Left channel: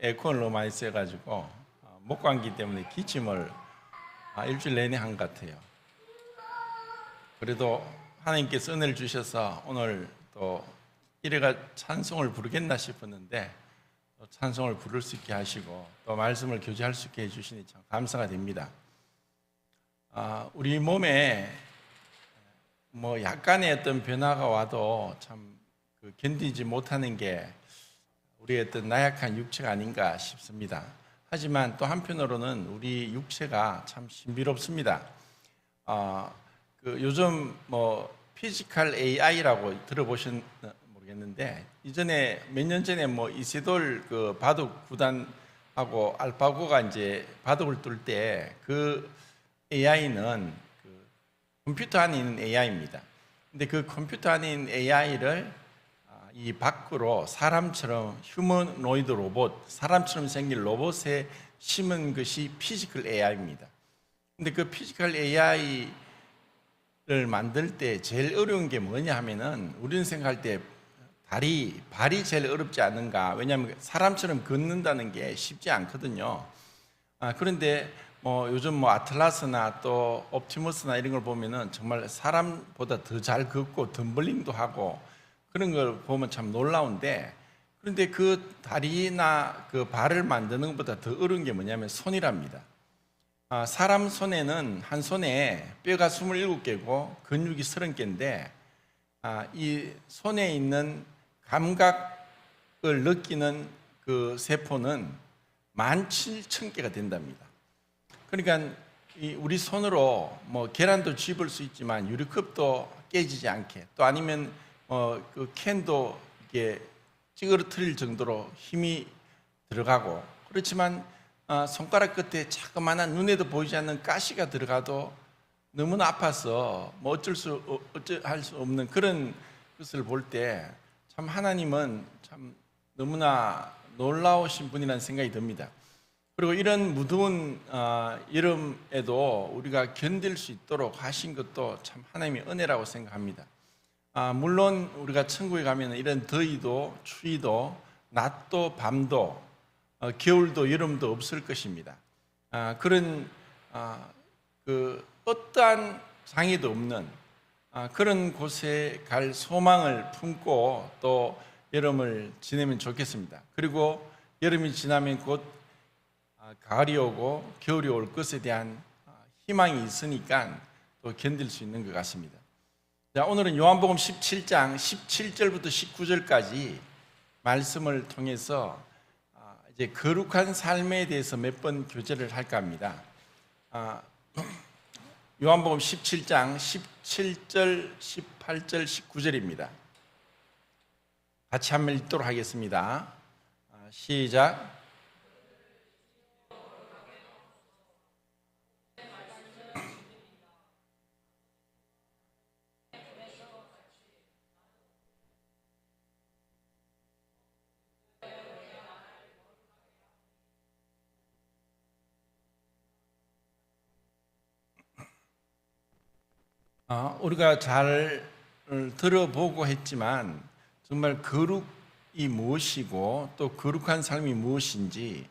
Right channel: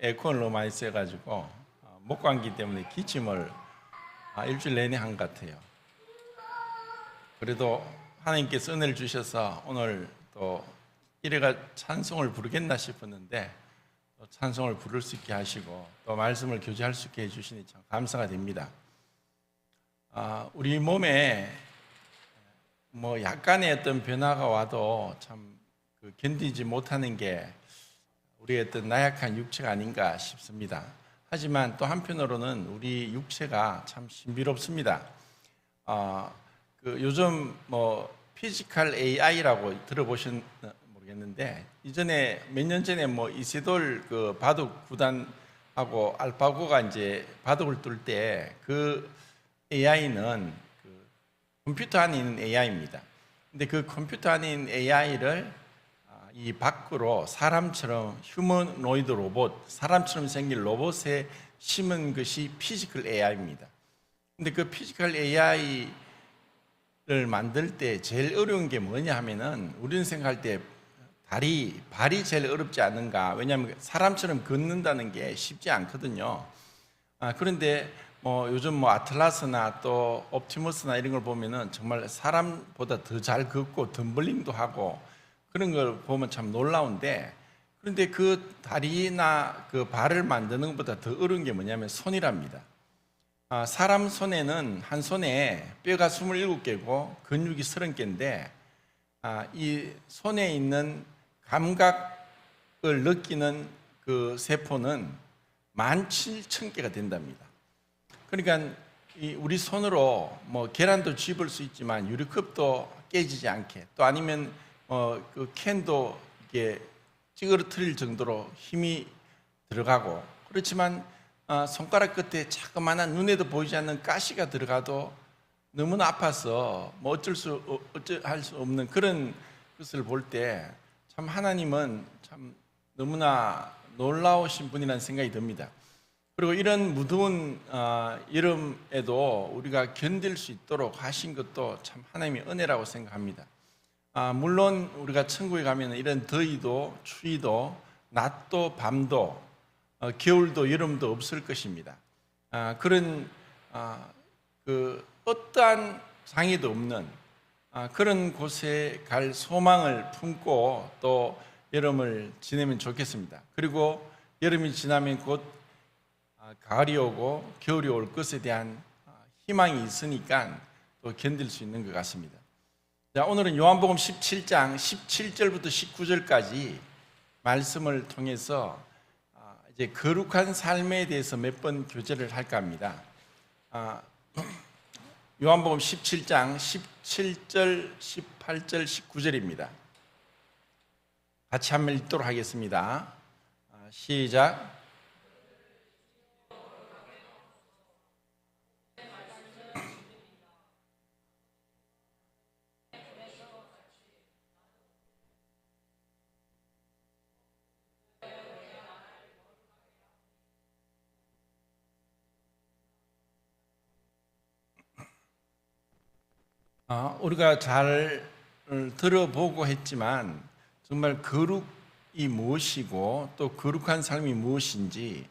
에어컨을 너무 많이 써가지고 목감기 때문에 기침을 일주일 내내 한 것 같아요. 그래도 하나님께서 은혜를 주셔서 오늘 또 이래가 찬송을 부르겠나 싶었는데 찬송을 부를 수 있게 하시고 또 말씀을 교제할 수 있게 해주시니 참 감사가 됩니다. 우리 몸에 뭐 약간의 어떤 변화가 와도 참 견디지 못하는 게 우리의 어떤 나약한 육체가 아닌가 싶습니다. 하지만 또 한편으로는 우리 육체가 참 신비롭습니다. 요즘 뭐 피지컬 AI라고 들어보셨나 모르겠는데 이전에 몇 년 전에 뭐 이세돌 그 바둑 구단하고 알파고가 이제 바둑을 둘 때 그 AI는 컴퓨터 안에 있는 AI입니다. 근데 그 컴퓨터 안에 있는 AI를 이 밖으로 사람처럼 휴머노이드 로봇, 사람처럼 생긴 로봇에 심은 것이 피지컬 AI입니다. 근데 그 피지컬 AI를 만들 때 제일 어려운 게 뭐냐 하면은 우리는 생각할 때 발이 제일 어렵지 않은가. 왜냐하면 사람처럼 걷는다는 게 쉽지 않거든요. 그런데 요즘 뭐 아틀라스나 또 옵티머스나 이런 걸 보면은 정말 사람보다 더 잘 걷고 덤블링도 하고 그런 걸 보면 참 놀라운데, 그런데 그 다리나 그 발을 만드는 것보다 더 어려운 게 뭐냐면 손이랍니다. 사람 손에는 한 손에 뼈가 27개고 근육이 30개인데 이 손에 있는 감각을 느끼는 그 세포는 17,000개가 된답니다. 그러니까 우리 손으로 뭐 계란도 집을 수 있지만 유리컵도 깨지지 않게, 또 아니면 그 캔도 이게 찌그러뜨릴 정도로 힘이 들어가고, 그렇지만 손가락 끝에 자그마한 눈에도 보이지 않는 가시가 들어가도 너무나 아파서 뭐 어쩔 수 없는 그런 것을 볼 때 참 하나님은 참 너무나 놀라우신 분이라는 생각이 듭니다. 그리고 이런 무더운 여름에도 우리가 견딜 수 있도록 하신 것도 참 하나님의 은혜라고 생각합니다. 물론 우리가 천국에 가면 이런 더위도 추위도 낮도 밤도 겨울도 여름도 없을 것입니다. 그런 어떠한 장애도 없는 그런 곳에 갈 소망을 품고 또 여름을 지내면 좋겠습니다. 그리고 여름이 지나면 곧 가을이 오고 겨울이 올 것에 대한 희망이 있으니까 또 견딜 수 있는 것 같습니다. 자, 오늘은 요한복음 17장 17절부터 19절까지 말씀을 통해서 이제 거룩한 삶에 대해서 몇 번 교제를 할까 합니다. 요한복음 17장 17절, 18절, 19절입니다. 같이 한번 읽도록 하겠습니다. 시작. 우리가 잘 들어보고 했지만 정말 거룩이 무엇이고 또 거룩한 삶이 무엇인지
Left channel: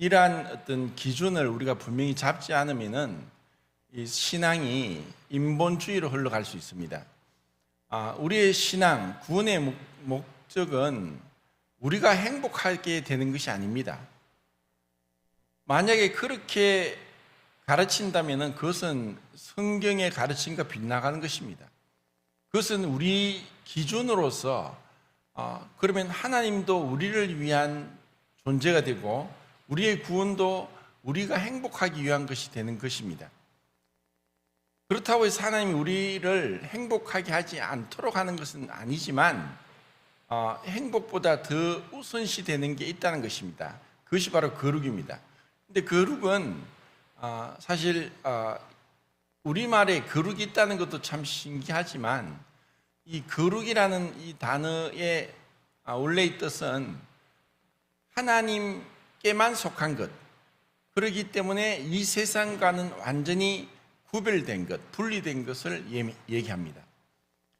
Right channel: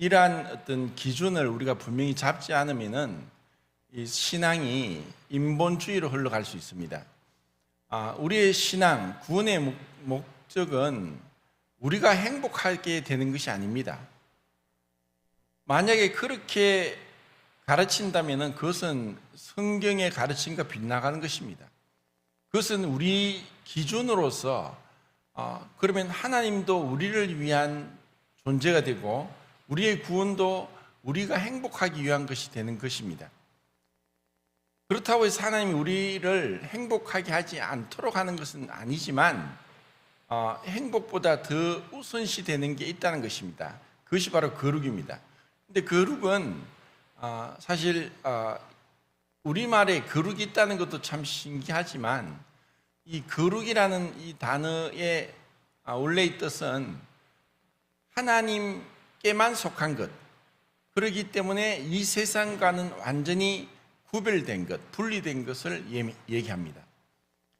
이러한 어떤 기준을 우리가 분명히 잡지 않으면은 이 신앙이 인본주의로 흘러갈 수 있습니다. 우리의 신앙, 구원의 목적은 우리가 행복하게 되는 것이 아닙니다. 만약에 그렇게 가르친다면 그것은 성경의 가르침과 빗나가는 것입니다. 그것은 우리 기준으로서 그러면 하나님도 우리를 위한 존재가 되고 우리의 구원도 우리가 행복하기 위한 것이 되는 것입니다. 그렇다고 해서 하나님이 우리를 행복하게 하지 않도록 하는 것은 아니지만 행복보다 더 우선시 되는 게 있다는 것입니다. 그것이 바로 거룩입니다. 근데 거룩은 사실 우리말에 거룩이 있다는 것도 참 신기하지만 이 거룩이라는 이 단어의 원래의 뜻은 하나님께만 속한 것, 그렇기 때문에 이 세상과는 완전히 구별된 것, 분리된 것을 얘기합니다.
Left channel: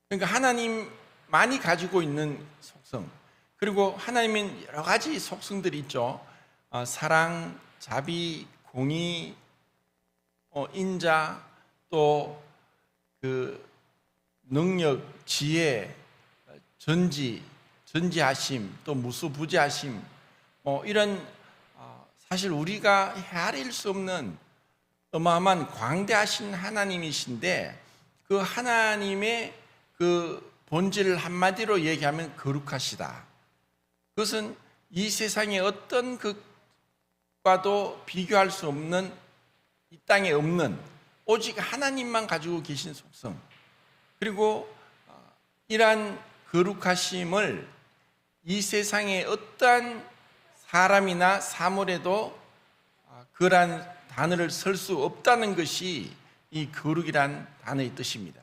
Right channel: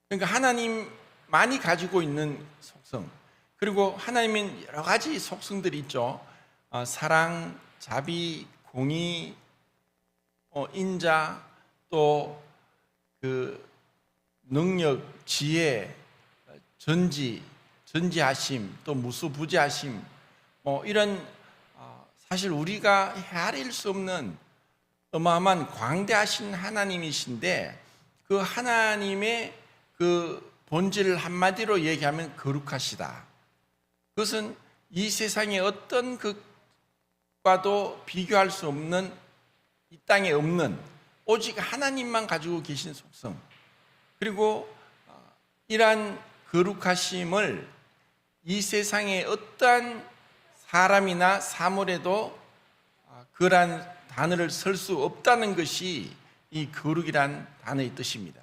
그러니까 하나님만이 가지고 있는 속성, 그리고 하나님은 여러 가지 속성들이 있죠. 사랑, 자비, 공의, 인자, 또 그 능력, 지혜, 전지하심, 또 무수부지하심, 이런 사실 우리가 헤아릴 수 없는 어마어마한 광대하신 하나님이신데, 그 하나님의 그 본질을 한마디로 얘기하면 거룩하시다. 그것은 이 세상의 어떤 것과도 비교할 수 없는, 이 땅에 없는 오직 하나님만 가지고 계신 속성, 그리고 이러한 거룩하심을 이 세상의 어떠한 사람이나 사물에도 그러한 단어를 쓸 수 없다는 것이 이 거룩이란 단어의 뜻입니다.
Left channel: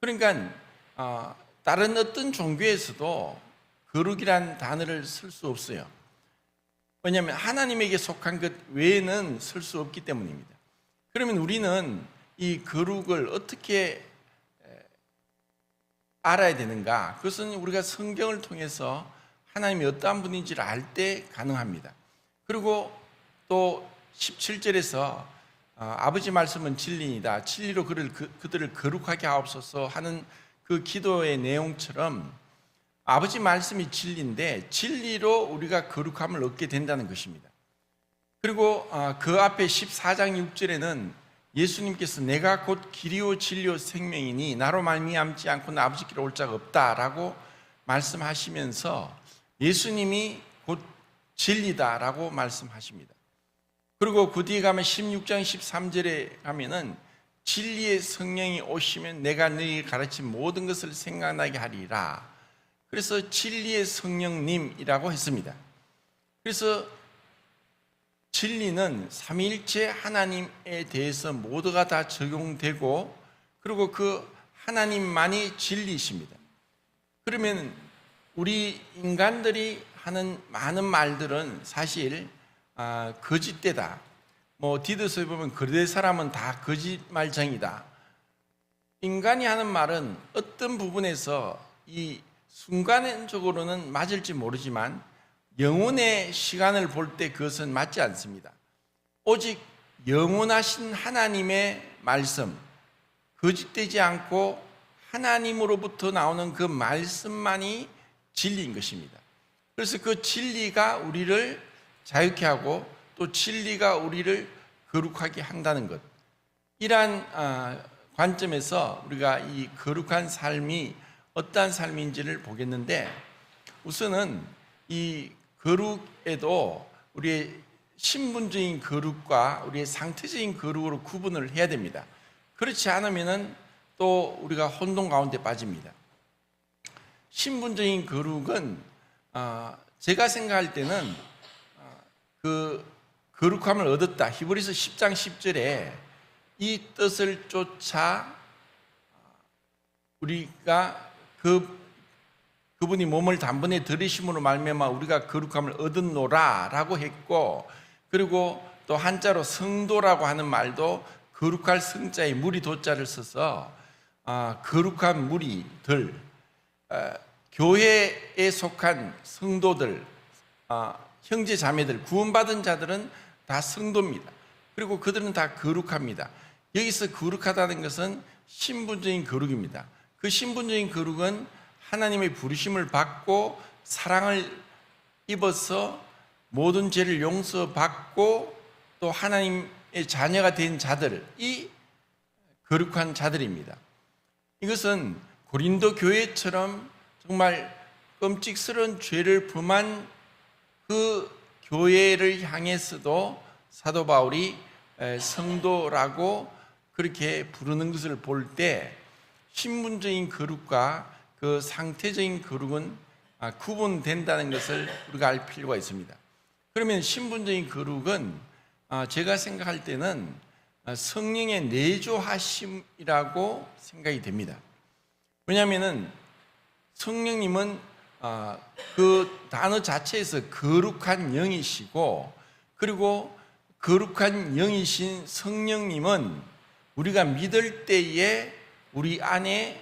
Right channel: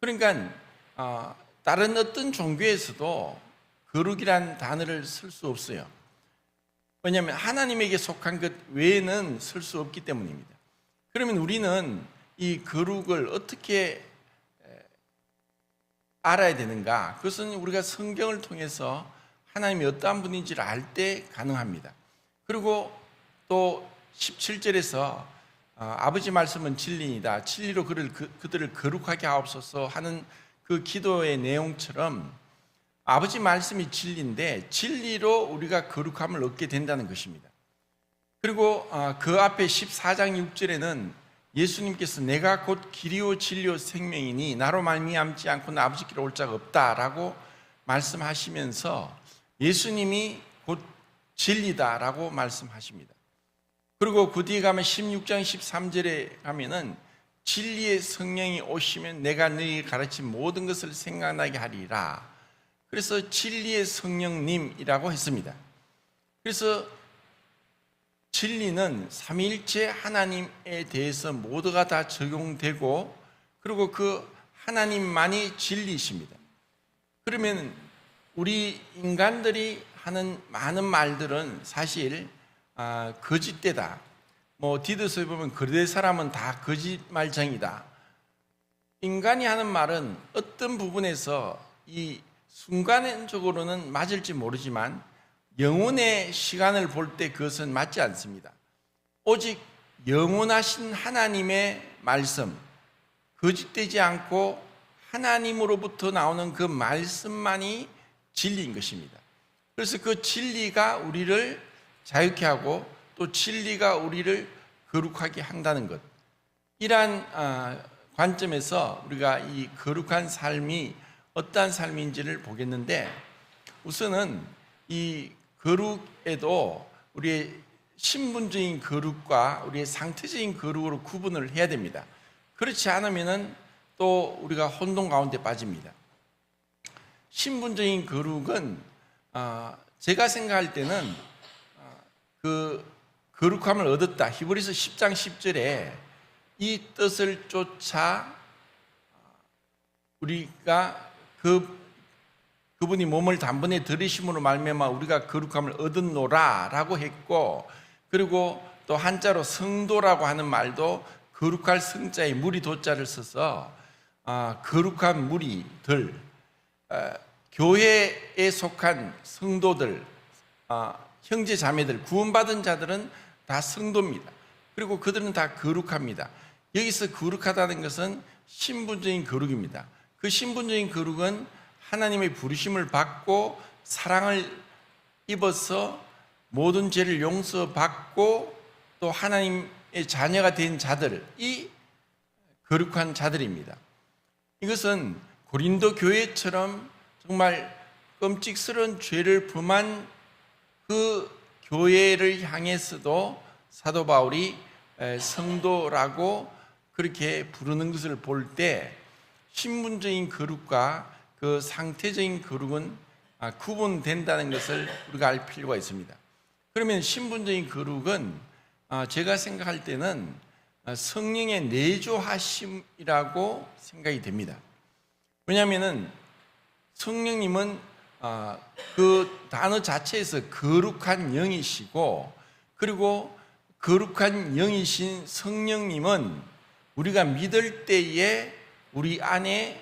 그러니까 다른 어떤 종교에서도 거룩이란 단어를 쓸 수 없어요. 왜냐하면 하나님에게 속한 것 외에는 쓸 수 없기 때문입니다. 그러면 우리는 이 거룩을 어떻게 알아야 되는가? 그것은 우리가 성경을 통해서 하나님이 어떠한 분인지를 알 때 가능합니다. 그리고 또 17절에서 아버지 말씀은 진리이다. 진리로 그들을 거룩하게 하옵소서 하는 그 기도의 내용처럼 아버지 말씀이 진리인데 진리로 우리가 거룩함을 얻게 된다는 것입니다. 그리고 그 앞에 14장 6절에는 예수님께서 내가 곧 길이요 진리요 생명이니 나로 말미암지 않고는 아버지께로 올 자가 없다라고 말씀하시면서 예수님이 곧 진리다라고 말씀하십니다. 그리고 그 뒤에 가면 16장 13절에 가면은 진리의 성령이 오시면 내가 너희에게 가르친 모든 것을 생각나게 하리라. 그래서 진리의 성령님이라고 했습니다. 그래서 진리는 삼위일체 하나님에 대해서 모두가 다 적용되고, 그리고 그 하나님만이 진리이십니다. 그러면 우리 인간들이 하는 많은 말들은 사실 거짓되다. 디도서에 보면 그대 사람은 다 거짓말쟁이다. 인간이 하는 말은 어떤 부분에서 이 순간적으로는 맞을지 모르지만 영혼의 시간을 볼 때 그것은 맞지 않습니다. 오직 영원하신 하나님의 말씀, 거짓되지 않고 하나님으로부터 나오는 그 말씀만이 진리인 것입니다. 그래서 그 진리가 우리를 자유케 하고 또 진리가 우리를 거룩하게 한다는 것, 이러한 관점에서 우리가 이 거룩한 삶이 어떠한 삶인지를 보겠는데, 우선은 이 거룩에도 우리의 신분적인 거룩과 우리의 상태적인 거룩으로 구분을 해야 됩니다. 그렇지 않으면 또 우리가 혼돈 가운데 빠집니다. 신분적인 거룩은 제가 생각할 때는 그 거룩함을 얻었다. 히브리서 10장 10절에 이 뜻을 쫓아 우리가 그분이 몸을 단번에 들이심으로 말미암아 우리가 거룩함을 얻었노라라고 했고, 그리고 또 한자로 성도라고 하는 말도 거룩할 성자에 무리 도자를 써서 거룩한 무리들, 교회에 속한 성도들, 형제 자매들, 구원받은 자들은 다 성도입니다. 그리고 그들은 다 거룩합니다. 여기서 거룩하다는 것은 신분적인 거룩입니다. 그 신분적인 거룩은 하나님의 부르심을 받고 사랑을 입어서 모든 죄를 용서받고 또 하나님의 자녀가 된 자들이 거룩한 자들입니다. 이것은 고린도 교회처럼 정말 끔찍스러운 죄를 범한 그 교회를 향해서도 사도 바울이 성도라고 그렇게 부르는 것을 볼 때 신분적인 거룩과 그 상태적인 거룩은 구분된다는 것을 우리가 알 필요가 있습니다. 그러면 신분적인 거룩은 제가 생각할 때는 성령의 내조하심이라고 생각이 됩니다. 왜냐하면 성령님은 그 단어 자체에서 거룩한 영이시고, 그리고 거룩한 영이신 성령님은 우리가 믿을 때에 우리 안에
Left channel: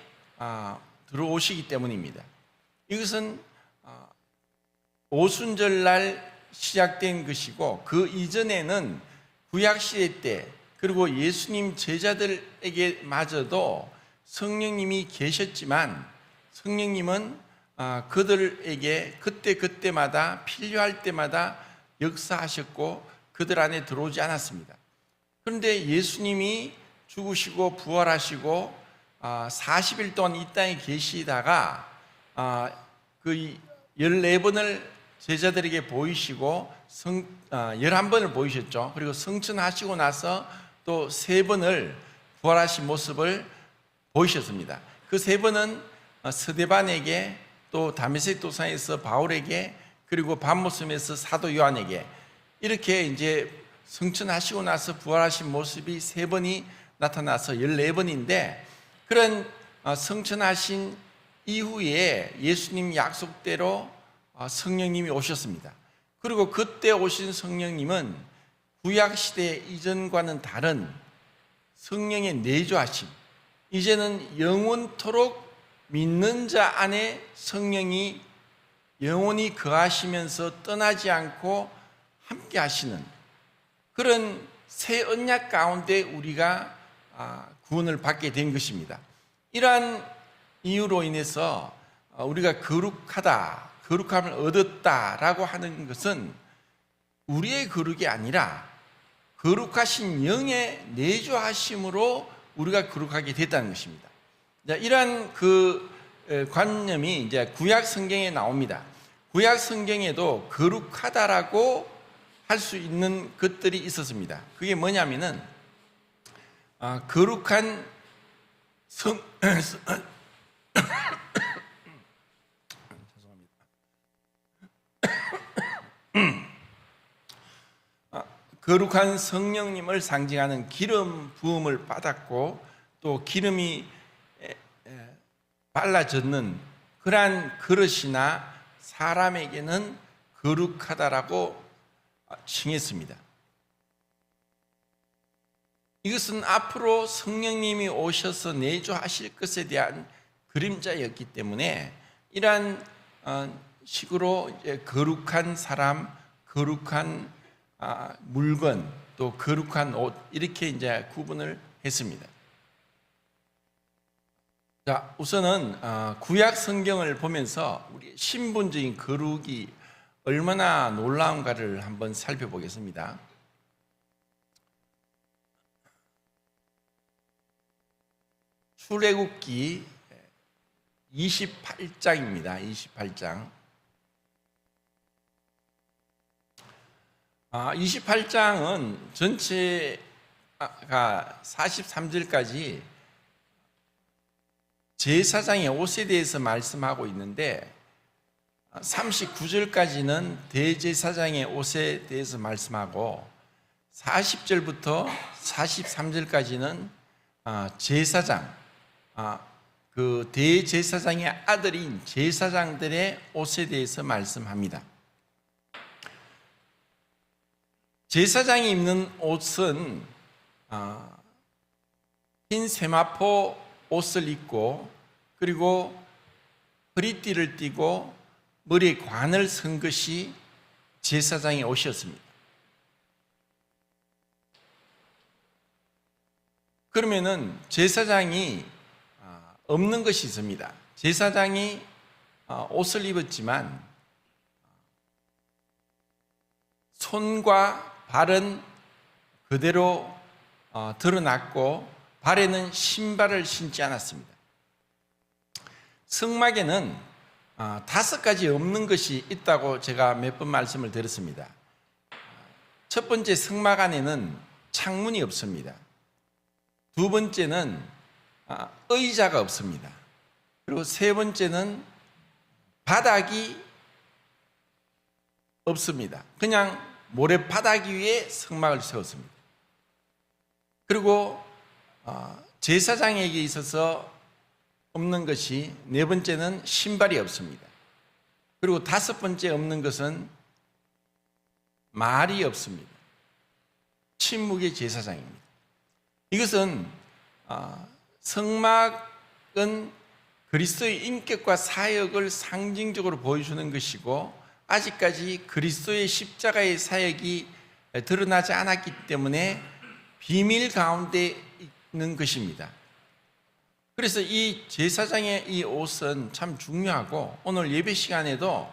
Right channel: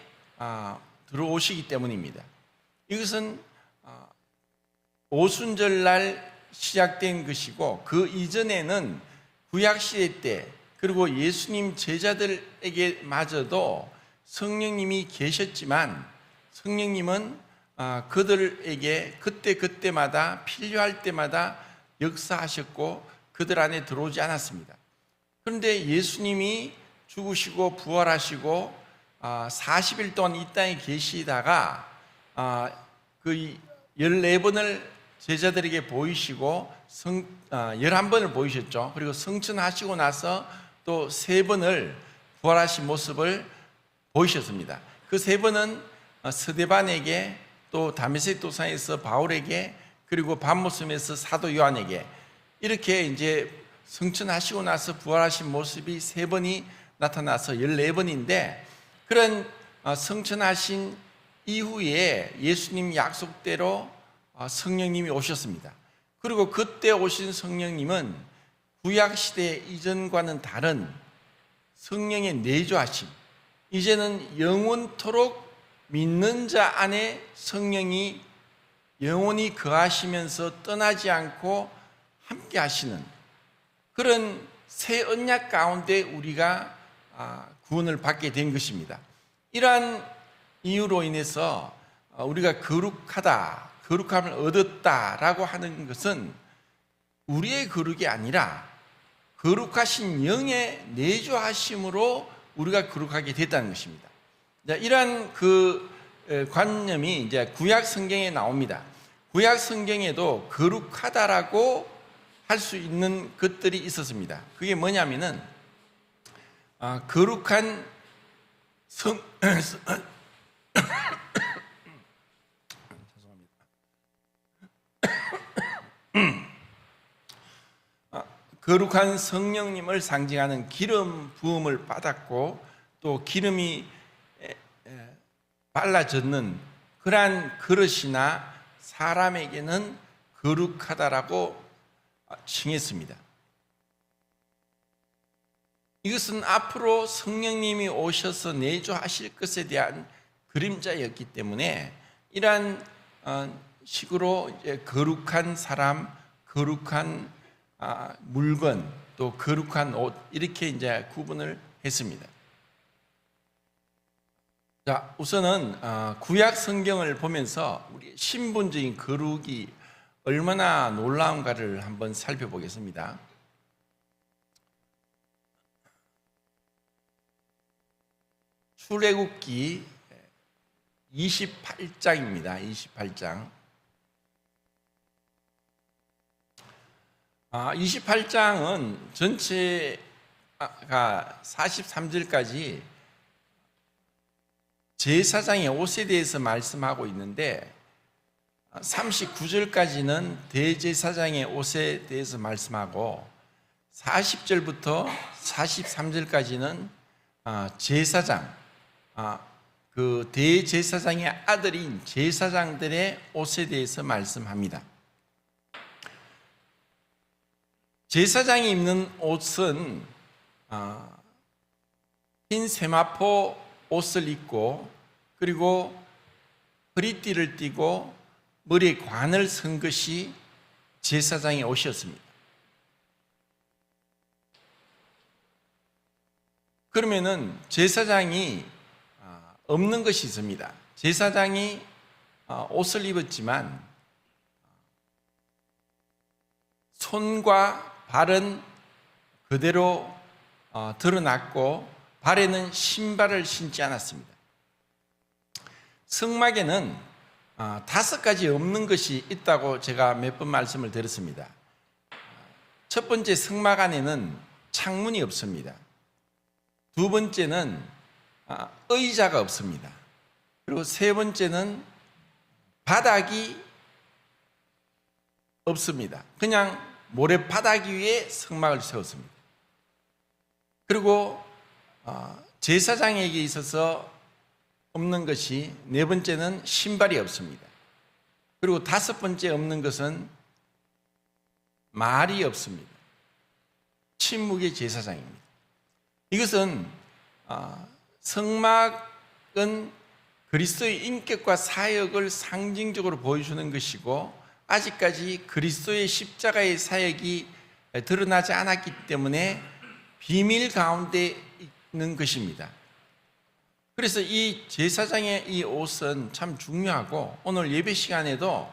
들어오시기 때문입니다. 이것은 오순절날 시작된 것이고, 그 이전에는 구약시대 때 그리고 예수님 제자들에게 마저도 성령님이 계셨지만, 성령님은 그들에게 그때마다 필요할 때마다 역사하셨고 그들 안에 들어오지 않았습니다. 그런데 예수님이 죽으시고 부활하시고 40일 동안 이 땅에 계시다가 그 14번을 제자들에게 보이시고 11번을 보이셨죠. 그리고 성천하시고 나서 또 3번을 부활하신 모습을 보이셨습니다. 그 3번은 스데반에게, 또 다메섹 도상에서 바울에게, 그리고 밤모섬에서 사도 요한에게, 이렇게 이제 성천하시고 나서 부활하신 모습이 3번이 나타나서 14번인데, 그런 성천하신 이후에 예수님 약속대로 성령님이 오셨습니다. 그리고 그때 오신 성령님은 구약시대 이전과는 다른 성령의 내주하심, 이제는 영원토록 믿는 자 안에 성령이 영원히 거하시면서 떠나지 않고 함께 하시는 그런 새 언약 가운데 우리가 구원을 받게 된 것입니다. 이러한 이유로 인해서 우리가 거룩함을 얻었다라고 하는 것은 우리의 거룩이 아니라 거룩하신 영의 내주하심으로 우리가 거룩하게 됐다는 것입니다. 이러한 그 관념이 이제 구약 성경에 나옵니다. 구약 성경에도 거룩하다라고 할 수 있는 것들이 있었습니다. 그게 뭐냐면은 거룩한 거룩한 성령님을 상징하는 기름 부음을 받았고, 또 기름이 발라졌는 그러한 그릇이나 사람에게는 거룩하다라고 칭했습니다. 이것은 앞으로 성령님이 오셔서 내주하실 것에 대한 그림자였기 때문에 이러한 식으로 거룩한 사람, 거룩한 물건, 또 거룩한 옷, 이렇게 이제 구분을 했습니다. 자, 우선은 구약 성경을 보면서 우리 신분적인 거룩이 얼마나 놀라운가를 한번 살펴보겠습니다. 출애굽기 28장입니다. 28장. 28장은 전체가 43절까지 제사장의 옷에 대해서 말씀하고 있는데, 39절까지는 대제사장의 옷에 대해서 말씀하고, 40절부터 43절까지는 제사장, 그 대제사장의 아들인 제사장들의 옷에 대해서 말씀합니다. 제사장이 입는 옷은 흰 세마포 옷을 입고, 그리고 허리띠를 띠고 머리에 관을 쓴 것이 제사장의 옷이었습니다. 그러면은 제사장이 없는 것이 있습니다. 제사장이 옷을 입었지만 손과 발은 그대로 드러났고, 발에는 신발을 신지 않았습니다. 성막에는 5가지 없는 것이 있다고 제가 몇 번 말씀을 드렸습니다. 첫 번째, 성막 안에는 창문이 없습니다. 두 번째는 의자가 없습니다. 그리고 세 번째는 바닥이 없습니다. 그냥 모래바닥 위에 성막을 세웠습니다. 그리고 제사장에게 있어서 없는 것이, 네 번째는 신발이 없습니다. 그리고 5번째 없는 것은 말이 없습니다. 침묵의 제사장입니다. 이것은 성막은 그리스도의 인격과 사역을 상징적으로 보여주는 것이고, 아직까지 그리스도의 십자가의 사역이 드러나지 않았기 때문에 비밀 가운데 있는 것입니다. 그래서 이 제사장의 이 옷은 참 중요하고, 오늘 예배 시간에도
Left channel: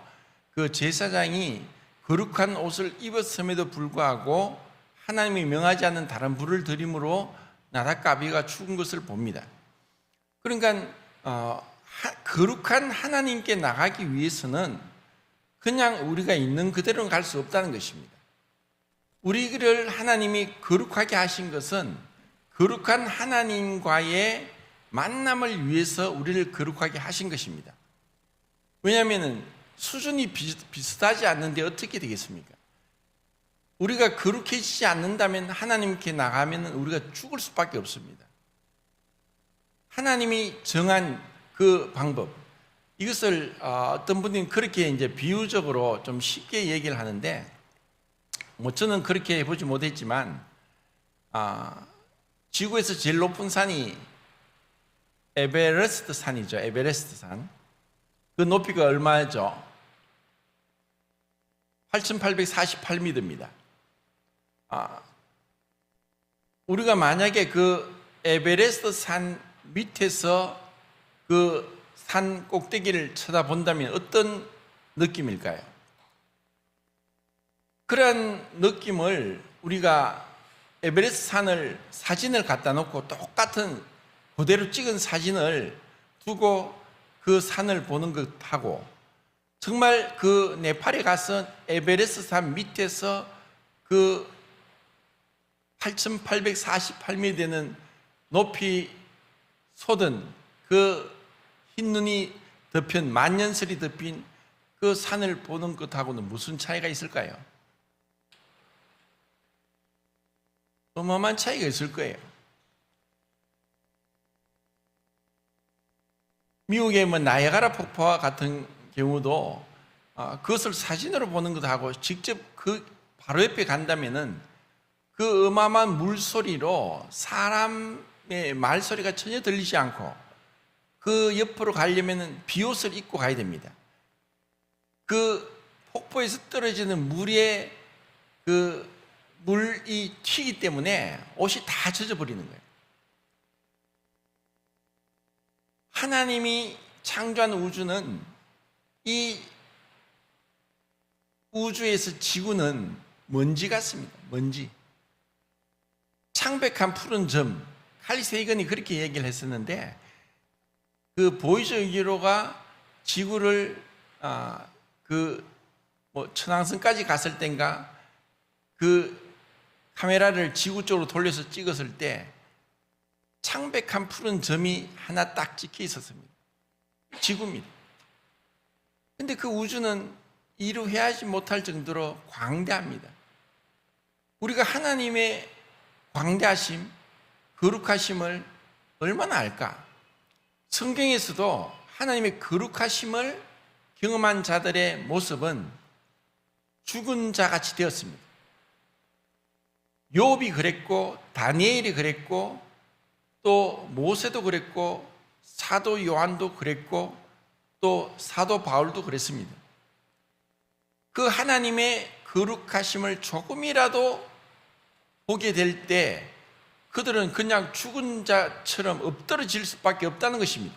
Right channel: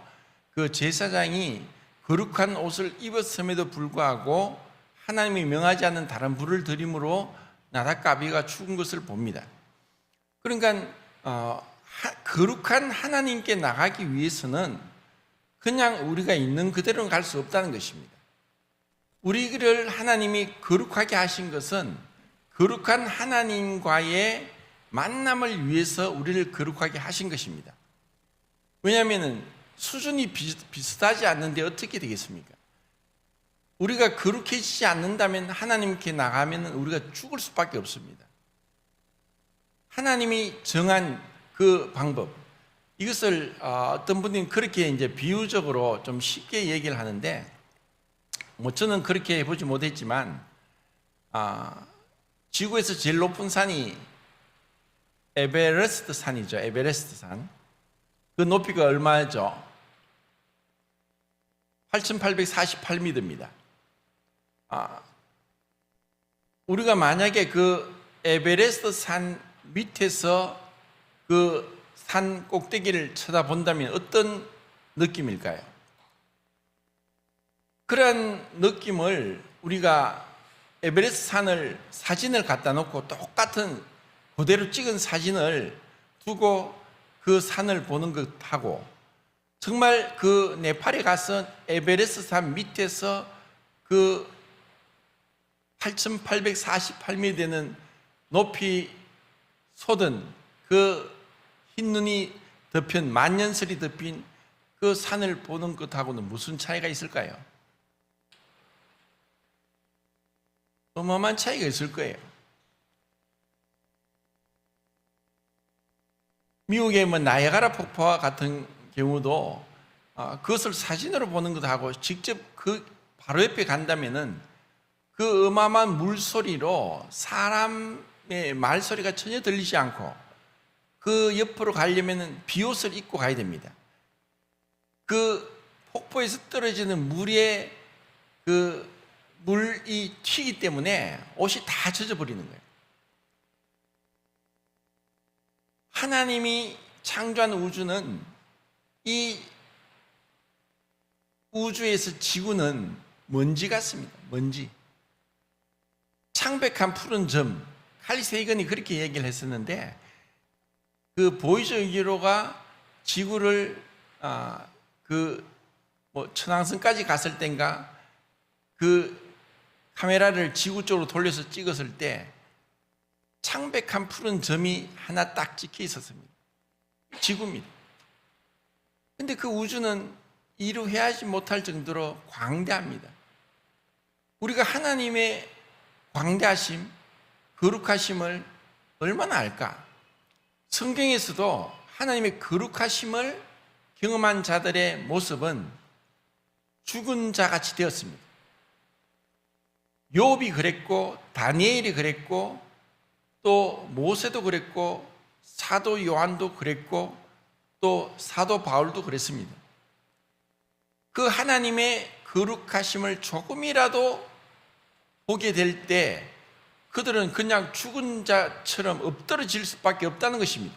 그 제사장이 거룩한 옷을 입었음에도 불구하고 하나님이 명하지 않는 다른 불을 들임으로 나답과 아비가 죽은 것을 봅니다. 그러니까 거룩한 하나님께 나가기 위해서는 그냥 우리가 있는 그대로 갈 수 없다는 것입니다. 우리를 하나님이 거룩하게 하신 것은 거룩한 하나님과의 만남을 위해서 우리를 거룩하게 하신 것입니다. 왜냐하면 수준이 비슷하지 않는데 어떻게 되겠습니까? 우리가 거룩해지지 않는다면 하나님께 나가면 우리가 죽을 수밖에 없습니다. 하나님이 정한 그 방법, 이것을 어떤 분들은 그렇게 이제 비유적으로 좀 쉽게 얘기를 하는데, 저는 그렇게 해보지 못했지만, 지구에서 제일 높은 산이 에베레스트 산이죠. 에베레스트 산. 그 높이가 얼마죠? 8,848m입니다. 우리가 만약에 그 에베레스트 산 밑에서 그 산 꼭대기를 쳐다본다면 어떤 느낌일까요? 그런 느낌을 우리가 에베레스트 산을 사진을 갖다 놓고 똑같은 그대로 찍은 사진을 두고 그 산을 보는 것하고, 정말 그 네팔에 가서 에베레스트 산 밑에서 그 8,848m 되는 높이 솟은 그 흰눈이 덮인 만년설이 덮인 그 산을 보는 것하고는 무슨 차이가 있을까요? 어마어마한 차이가 있을 거예요. 미국의 나이아가라 폭포와 같은 경우도 그것을 사진으로 보는 것하고 직접 그 바로 옆에 간다면은 그 어마어마한 물소리로 사람의 말소리가 전혀 들리지 않고, 그 옆으로 가려면은 비옷을 입고 가야 됩니다. 그 폭포에서 떨어지는 물에 그 물이 튀기 때문에 옷이 다 젖어버리는 거예요. 하나님이 창조한 우주는, 이 우주에서 지구는 먼지 같습니다. 먼지. 창백한 푸른 점. 칼 세이건이 그렇게 얘기를 했었는데, 그 보이저 1호가 지구를 천왕성까지 갔을 땐가 그 카메라를 지구 쪽으로 돌려서 찍었을 때 창백한 푸른 점이 하나 딱 찍혀 있었습니다. 지구입니다. 근데 그 우주는 이루어야지 못할 정도로 광대합니다. 우리가 하나님의 광대하심, 거룩하심을 얼마나 알까? 성경에서도 하나님의 거룩하심을 경험한 자들의 모습은 죽은 자같이 되었습니다. 욥이 그랬고, 다니엘이 그랬고, 또 모세도 그랬고, 사도 요한도 그랬고, 또 사도 바울도 그랬습니다. 그 하나님의 거룩하심을 조금이라도 보게 될 때 그들은 그냥 죽은 자처럼 엎드러질 수밖에 없다는 것입니다.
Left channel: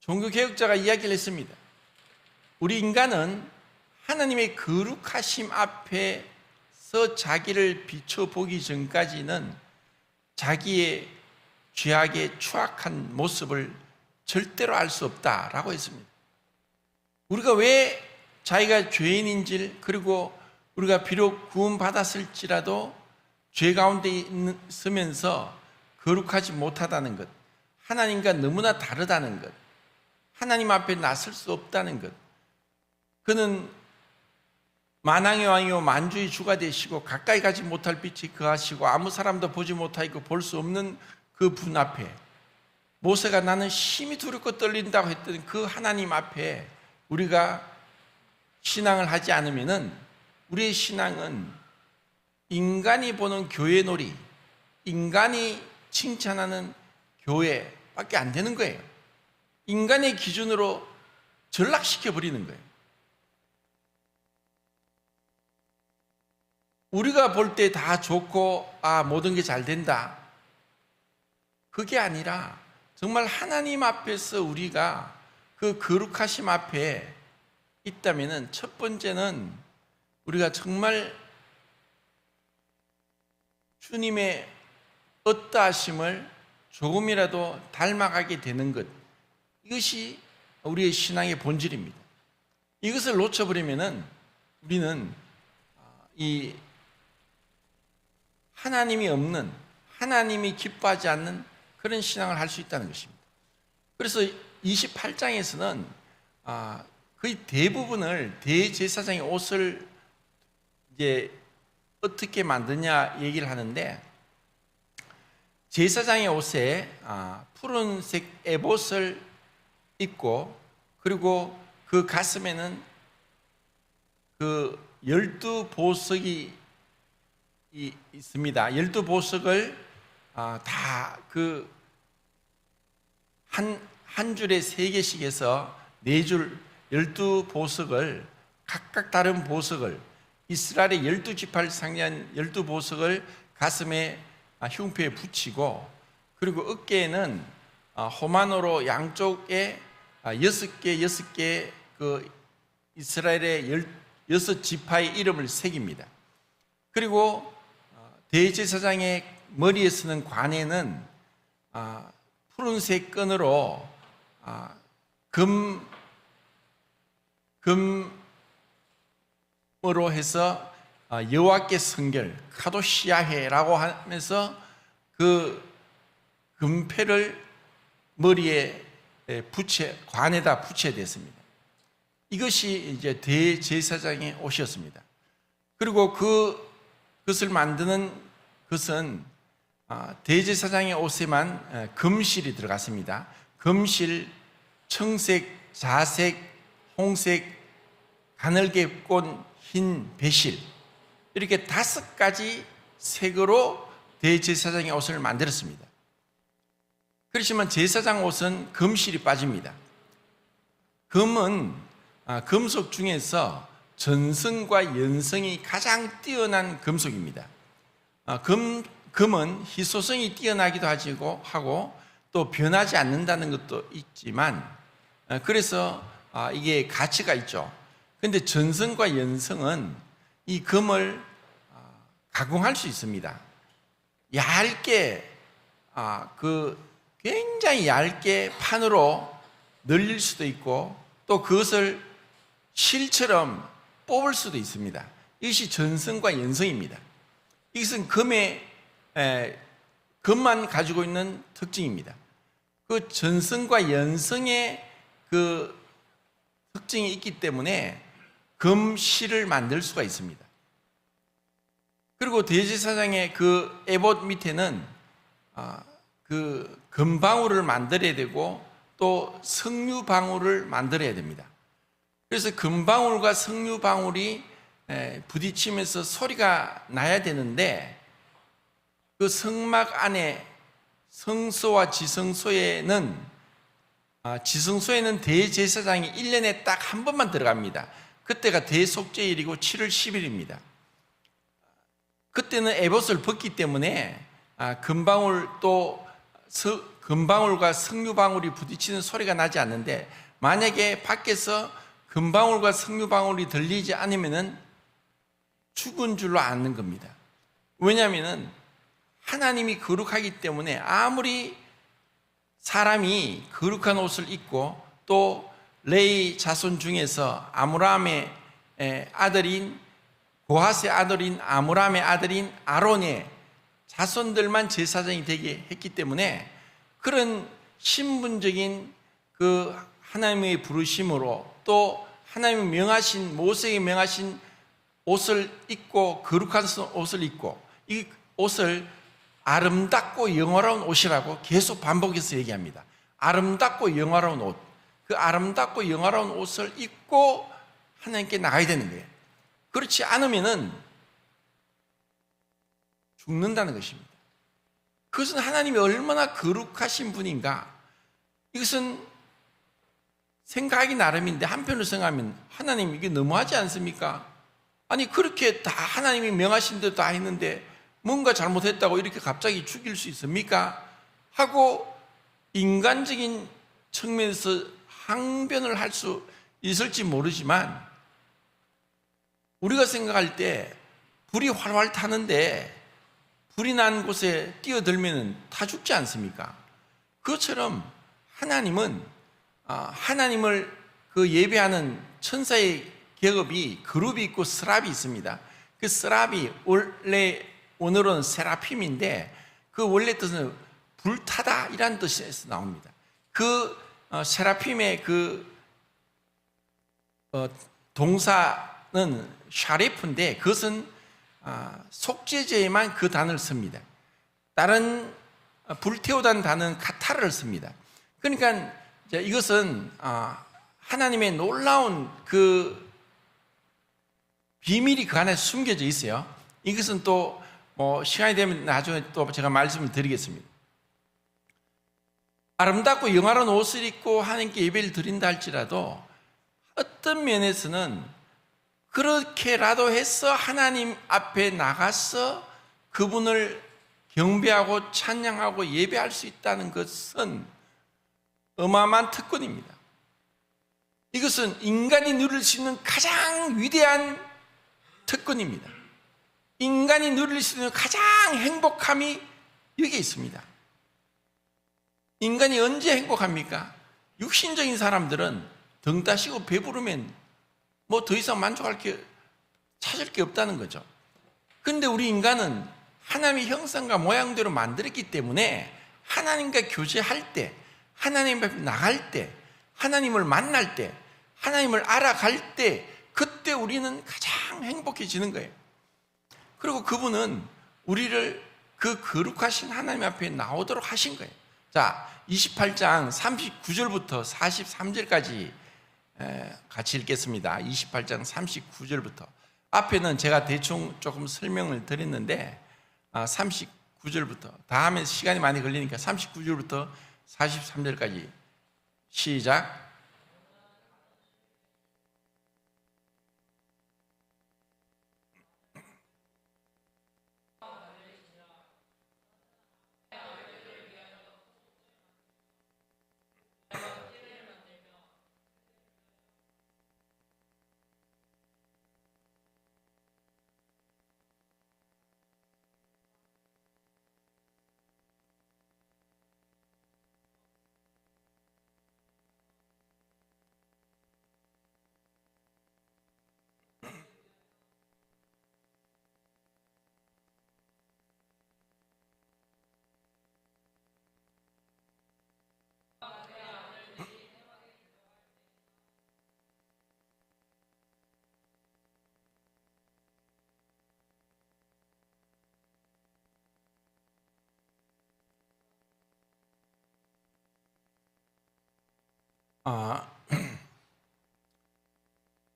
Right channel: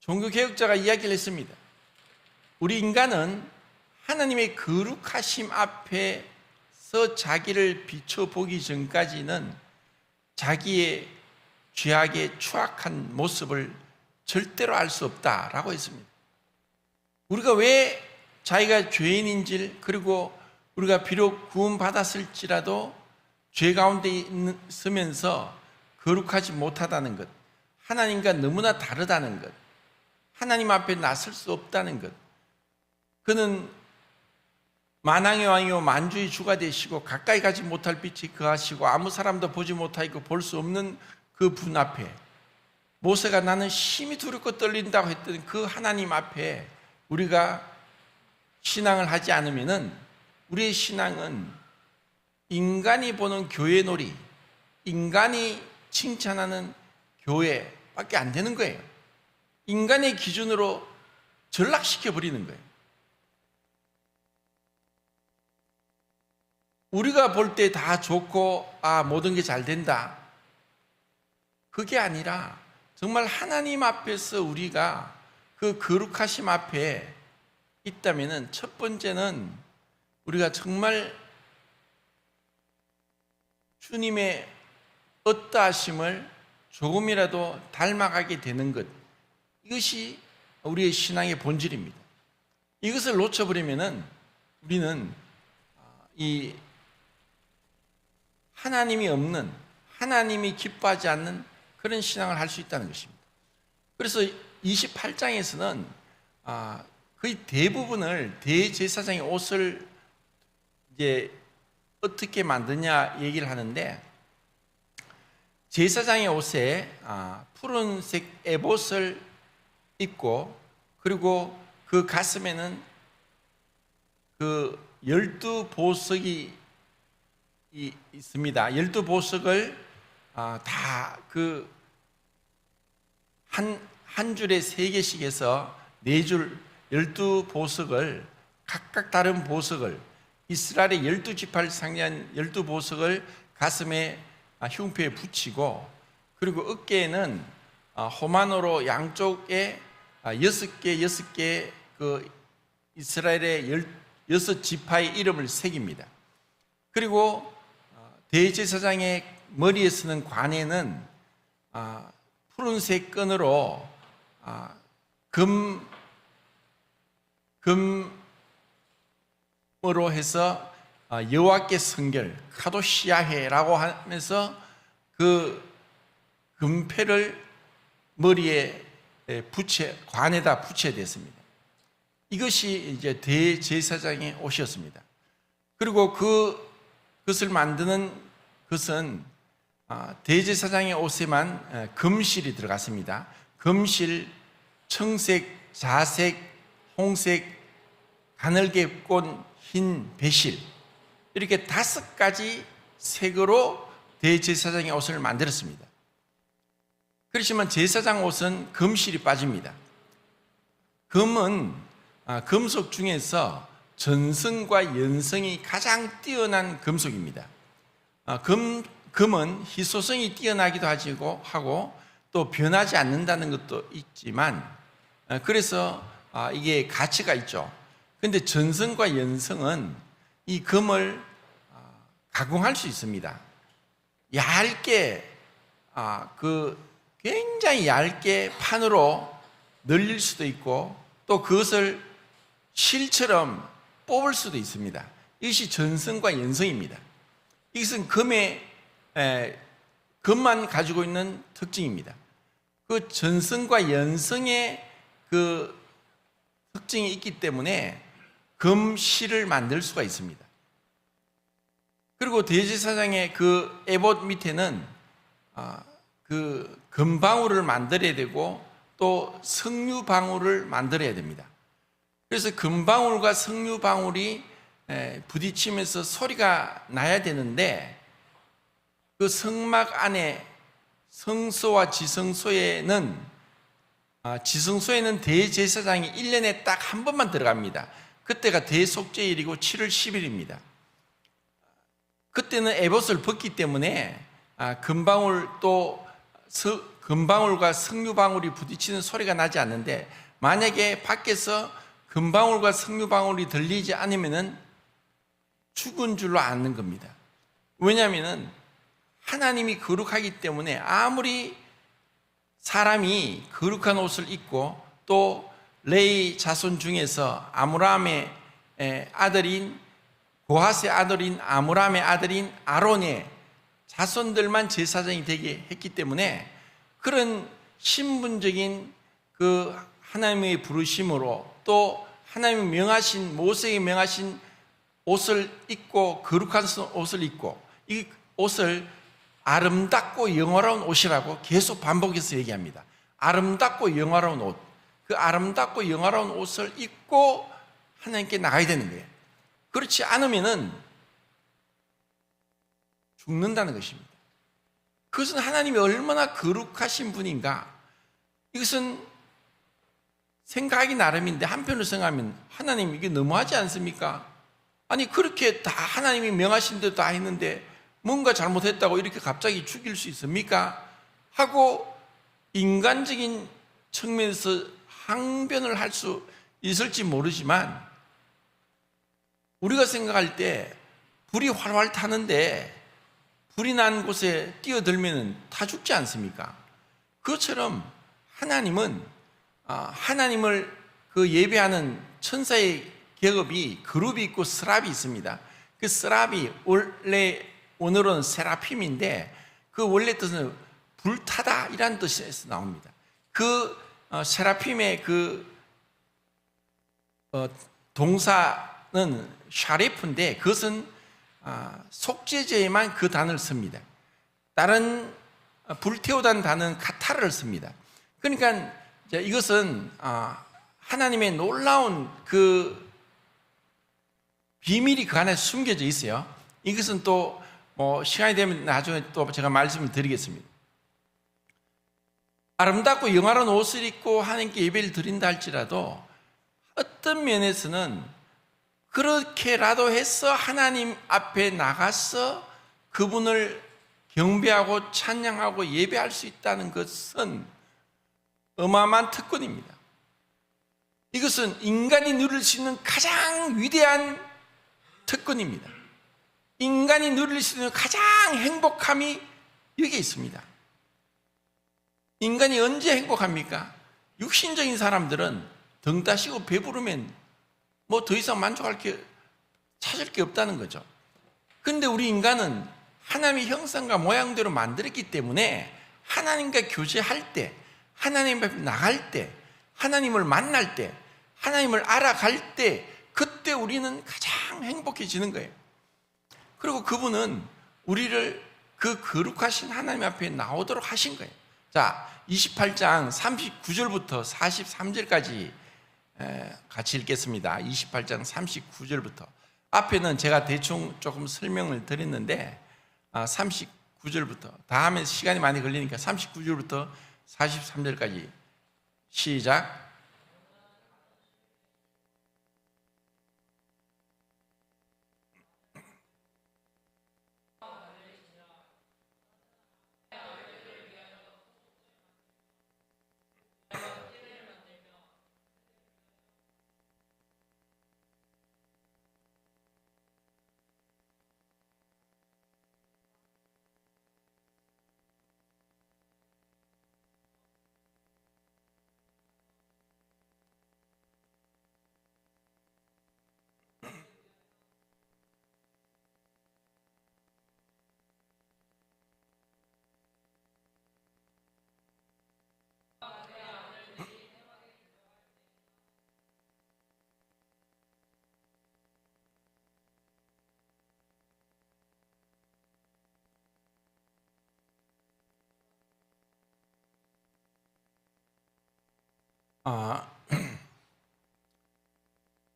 종교개혁자가 이야기를 했습니다. 우리 인간은 하나님의 거룩하심 앞에서 자기를 비춰보기 전까지는 자기의 죄악의 추악한 모습을 절대로 알 수 없다라고 했습니다. 우리가 왜 자기가 죄인인지를, 그리고 우리가 비록 구원받았을지라도 죄 가운데 있으면서 거룩하지 못하다는 것, 하나님과 너무나 다르다는 것, 하나님 앞에 나설 수 없다는 것, 그는 만왕의 왕이요 만주의 주가 되시고 가까이 가지 못할 빛이 그하시고 아무 사람도 보지 못하고 볼 수 없는 그 분 앞에, 모세가 나는 심히 두렵고 떨린다고 했던 그 하나님 앞에 우리가 신앙을 하지 않으면은 우리의 신앙은 인간이 보는 교회놀이, 인간이 칭찬하는 교회밖에 안 되는 거예요. 인간의 기준으로 전락시켜 버리는 거예요. 우리가 볼 때 다 좋고 모든 게 잘 된다. 그게 아니라 정말 하나님 앞에서 우리가 그 거룩하심 앞에 있다면은 첫 번째는 우리가 정말 주님의 어떠하심을 조금이라도 닮아가게 되는 것, 이것이 우리의 신앙의 본질입니다. 이것을 놓쳐버리면은 우리는 이 하나님이 없는, 하나님이 기뻐하지 않는 그런 신앙을 할 수 있다는 것입니다. 그래서 28장에서는 거의 대부분을 대제사장의 옷을 이제 어떻게 만드냐 얘기를 하는데, 제사장의 옷에 푸른색 에봇을 입고, 그리고 그 가슴에는 그 12보석이 있습니다. 12보석을 다 그 한 줄에 3개씩 해서 4줄 12보석을, 각각 다른 보석을, 이스라엘의 12지파를 상징한 12보석을 가슴에 흉표에 붙이고, 그리고 어깨에는 호마노로 양쪽에 6개 그 이스라엘의 6지파의 이름을 새깁니다. 그리고 대제사장의 머리에 쓰는 관에는 푸른색 끈으로 금으로 해서 여호와께 성결, 카도시아헤라고 하면서 그 금패를 머리에 관에다 붙여야 됐습니다. 이것이 이제 대제사장의 옷이었습니다. 그리고 그것을 만드는 것은 대제사장의 옷에만 금실이 들어갔습니다. 금실, 청색, 자색, 홍색, 가늘게 꼰 흰 배실, 이렇게 5가지 색으로 대제사장의 옷을 만들었습니다. 그렇지만 제사장 옷은 금실이 빠집니다. 금은 금속 중에서 전성과 연성이 가장 뛰어난 금속입니다. 금은 희소성이 뛰어나기도 하고 또 변하지 않는다는 것도 있지만, 그래서 이게 가치가 있죠. 그런데 전성과 연성은 이 금을 가공할 수 있습니다. 얇게, 굉장히 얇게 판으로 늘릴 수도 있고, 또 그것을 실처럼 뽑을 수도 있습니다. 이것이 전성과 연성입니다. 이것은 금만 가지고 있는 특징입니다. 그 전성과 연성의 그 특징이 있기 때문에 금실을 만들 수가 있습니다. 그리고 대제사장의 그 에봇 밑에는 그 금방울을 만들어야 되고, 또 석류방울을 만들어야 됩니다. 그래서 금방울과 석류방울이 부딪히면서 소리가 나야 되는데, 그 성막 안에 성소와 지성소에는 대제사장이 1년에 딱 한 번만 들어갑니다. 그때가 대속죄일이고 7월 10일입니다. 그때는 에봇을 벗기 때문에 금방울과 석류방울이 부딪히는 소리가 나지 않는데, 만약에 밖에서 금방울과 석류방울이 들리지 않으면 죽은 줄로 아는 겁니다. 왜냐하면 하나님이 거룩하기 때문에 아무리 사람이 거룩한 옷을 입고, 또 레위 자손 중에서 아므람의 아들인 고핫의 아들인 아므람의 아들인 아론의 자손들만 제사장이 되게 했기 때문에, 그런 신분적인 그 하나님의 부르심으로, 또 하나님이 명하신, 모세에게 명하신 옷을 입고, 거룩한 옷을 입고, 이 옷을 아름답고 영화로운 옷이라고 계속 반복해서 얘기합니다. 아름답고 영화로운 옷, 그 아름답고 영화로운 옷을 입고 하나님께 나가야 되는 거예요. 그렇지 않으면은 죽는다는 것입니다. 그것은 하나님이 얼마나 거룩하신 분인가, 이것은 생각하기 나름인데 한편으로 생각하면 하나님 이게 너무하지 않습니까? 아니 그렇게 다 하나님이 명하신 대로 다 했는데 뭔가 잘못했다고 이렇게 갑자기 죽일 수 있습니까? 하고 인간적인 측면에서 항변을 할 수 있을지 모르지만 우리가 생각할 때 불이 활활 타는데 불이 난 곳에 뛰어들면 다 죽지 않습니까? 그것처럼 하나님은 하나님을 그 예배하는 천사의 계급이 그룹이 있고 스랍이 있습니다. 그 스랍이 원래 오늘은 세라핌인데 그 원래 뜻은 불타다 이란 뜻에서 나옵니다. 그 세라핌의 그 동사는 샤레프인데 그것은 속죄제에만 그 단어를 씁니다. 다른 불태우다는 단어는 카타를 씁니다. 그러니까 이것은 하나님의 놀라운 그 비밀이 그 안에 숨겨져 있어요. 이것은 또 시간이 되면 나중에 또 제가 말씀을 드리겠습니다. 아름답고 영화로운 옷을 입고 하나님께 예배를 드린다 할지라도 어떤 면에서는 그렇게라도 해서 하나님 앞에 나가서 그분을 경배하고 찬양하고 예배할 수 있다는 것은 어마어마한 특권입니다. 이것은 인간이 누릴 수 있는 가장 위대한 특권입니다. 인간이 누릴 수 있는 가장 행복함이 여기에 있습니다. 인간이 언제 행복합니까? 육신적인 사람들은 등 따시고 배부르면 뭐 더 이상 찾을 게 없다는 거죠. 그런데 우리 인간은 하나님의 형상과 모양대로 만들었기 때문에 하나님과 교제할 때, 하나님 앞에 나갈 때, 하나님을 만날 때, 하나님을 알아갈 때, 그때 우리는 가장 행복해지는 거예요. 그리고 그분은 우리를 그 거룩하신 하나님 앞에 나오도록 하신 거예요. 자, 28장 39절부터 43절까지 같이 읽겠습니다. 28장 39절부터. 앞에는 제가 대충 조금 설명을 드렸는데 39절부터 다음에 시간이 많이 걸리니까 39절부터 43절까지 시작.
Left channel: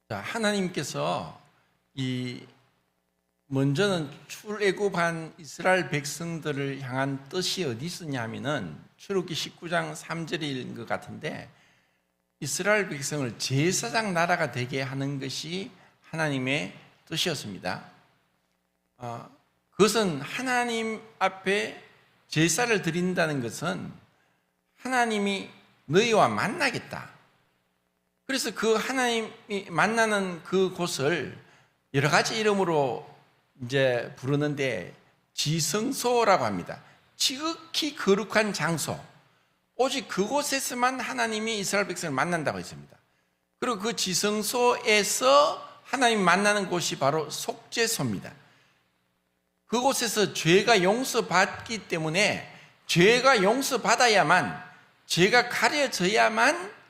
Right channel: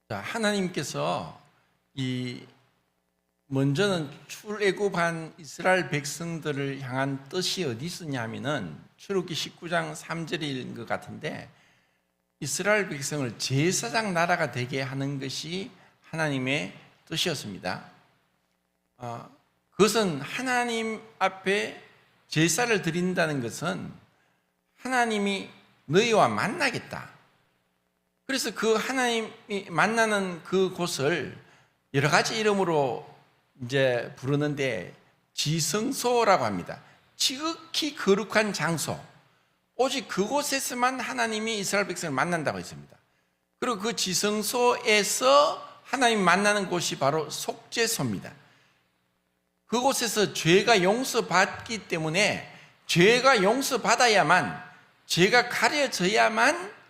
하나님께서 먼저는 출애굽한 이스라엘 백성들을 향한 뜻이 어디 있었냐면은 출애굽기 19장 3절인 것 같은데 이스라엘 백성을 제사장 나라가 되게 하는 것이 하나님의 뜻이었습니다. 그것은 하나님 앞에 제사를 드린다는 것은 하나님이 너희와 만나겠다. 그래서 그 하나님이 만나는 그 곳을 여러 가지 이름으로 이제 부르는데 지성소라고 합니다. 지극히 거룩한 장소. 오직 그곳에서만 하나님이 이스라엘 백성을 만난다고 했습니다. 그리고 그 지성소에서 하나님 만나는 곳이 바로 속죄소입니다. 그곳에서 죄가 용서받기 때문에 죄가 용서받아야만, 죄가 가려져야만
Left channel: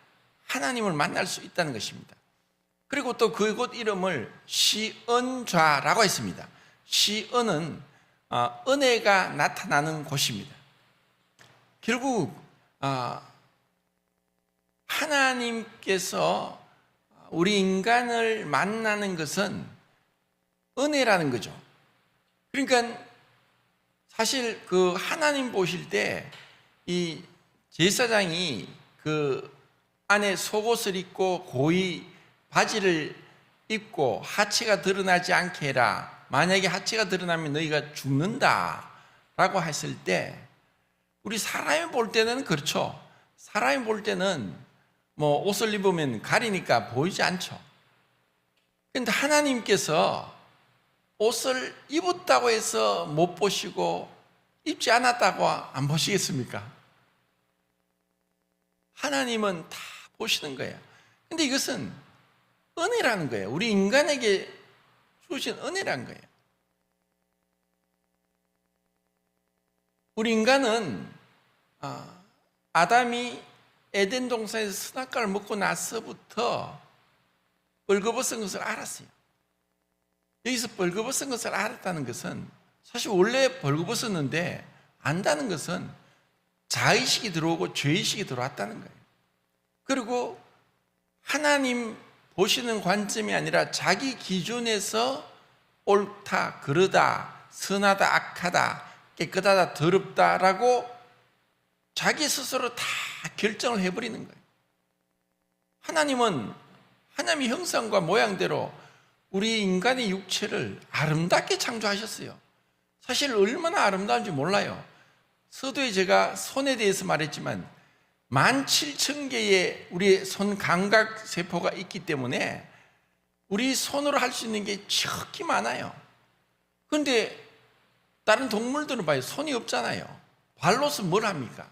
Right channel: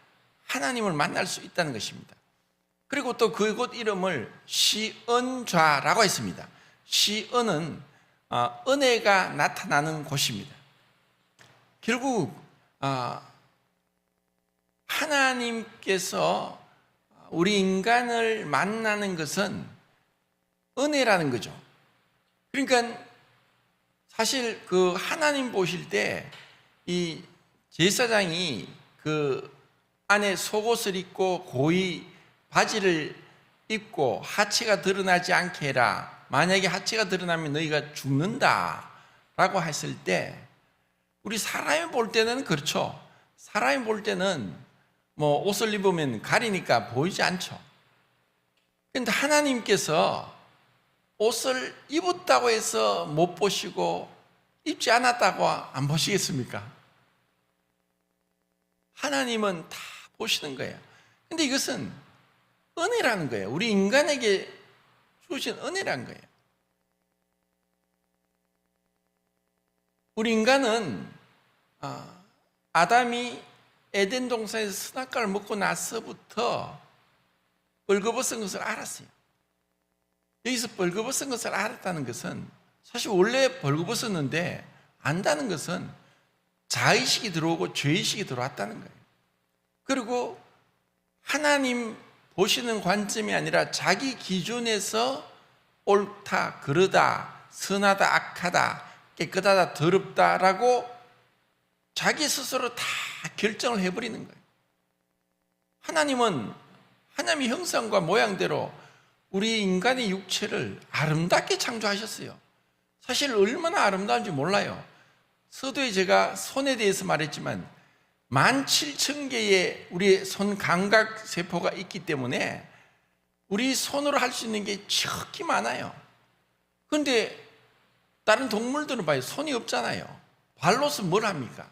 하나님을 만날 수 있다는 것입니다. 그리고 또 그곳 이름을 시은좌라고 했습니다. 시은은 은혜가 나타나는 곳입니다. 결국 하나님께서 우리 인간을 만나는 것은 은혜라는 거죠. 그러니까 사실 그 하나님 보실 때 이 제사장이 그 안에 속옷을 입고 고이 바지를 입고 하체가 드러나지 않게 해라. 만약에 하체가 드러나면 너희가 죽는다라고 했을 때 우리 사람이 볼 때는 그렇죠. 사람이 볼 때는 뭐 옷을 입으면 가리니까 보이지 않죠. 그런데 하나님께서 옷을 입었다고 해서 못 보시고 입지 않았다고 안 보시겠습니까? 하나님은 다 보시는 거예요. 근데 이것은 은혜라는 거예요. 우리 인간에게 주신 은혜라는 거예요. 우리 인간은 아담이 에덴 동산에서 선악과를 먹고 나서부터 벌거벗은 것을 알았어요. 여기서 벌거벗은 것을 알았다는 것은 사실 원래 벌거벗었는데 안다는 것은 자의식이 들어오고 죄의식이 들어왔다는 거예요. 그리고 하나님 보시는 관점이 아니라 자기 기준에서 옳다, 그르다, 선하다, 악하다, 깨끗하다, 더럽다라고 자기 스스로 다 결정을 해버리는 거예요. 하나님은 하나님의 형상과 모양대로 우리 인간의 육체를 아름답게 창조하셨어요. 사실 얼마나 아름다운지 몰라요. 서두에 제가 손에 대해서 말했지만 17,000개의 우리의 손 감각 세포가 있기 때문에 우리 손으로 할 수 있는 게 척히 많아요. 그런데 다른 동물들은 봐요. 손이 없잖아요. 발로서 뭘 합니까?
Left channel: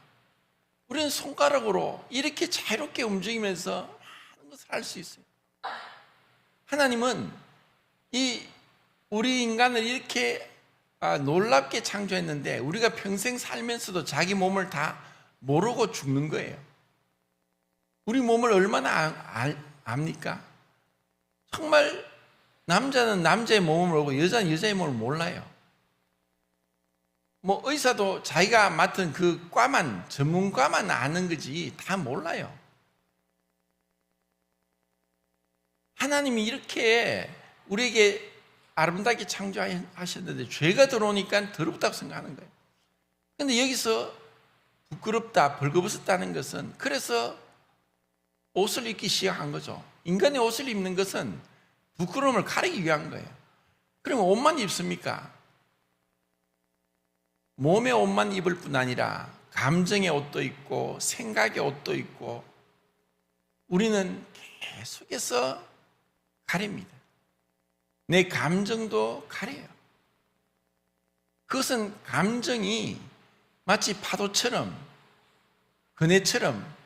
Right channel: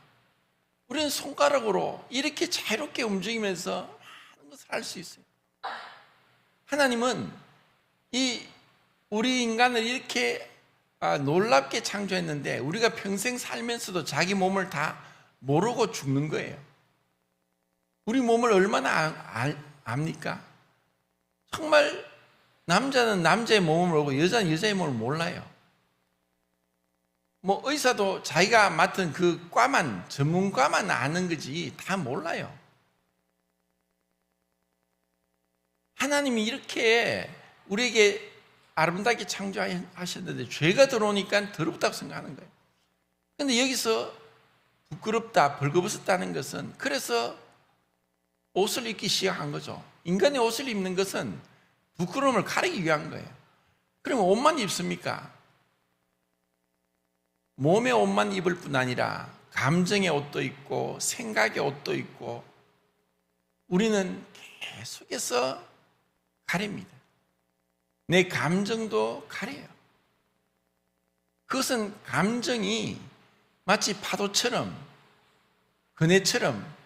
우리는 손가락으로 이렇게 자유롭게 움직이면서 많은 것을 할 수 있어요. 하나님은 우리 인간을 이렇게 놀랍게 창조했는데 우리가 평생 살면서도 자기 몸을 다 모르고 죽는 거예요. 우리 몸을 얼마나 압니까? 정말 남자는 남자의 몸을 모르고 여자는 여자의 몸을 몰라요. 뭐 의사도 자기가 맡은 그 과만, 전문과만 아는 거지 다 몰라요. 하나님이 이렇게 우리에게 아름답게 창조하셨는데 죄가 들어오니까 더럽다고 생각하는 거예요. 그런데 여기서 부끄럽다, 벌거벗었다는 것은 그래서 옷을 입기 시작한 거죠. 인간의 옷을 입는 것은 부끄러움을 가리기 위한 거예요. 그러면 옷만 입습니까? 몸의 옷만 입을 뿐 아니라 감정의 옷도 있고 생각의 옷도 있고 우리는 계속해서 가립니다. 내 감정도 가려요. 그것은 감정이 마치 파도처럼 그네처럼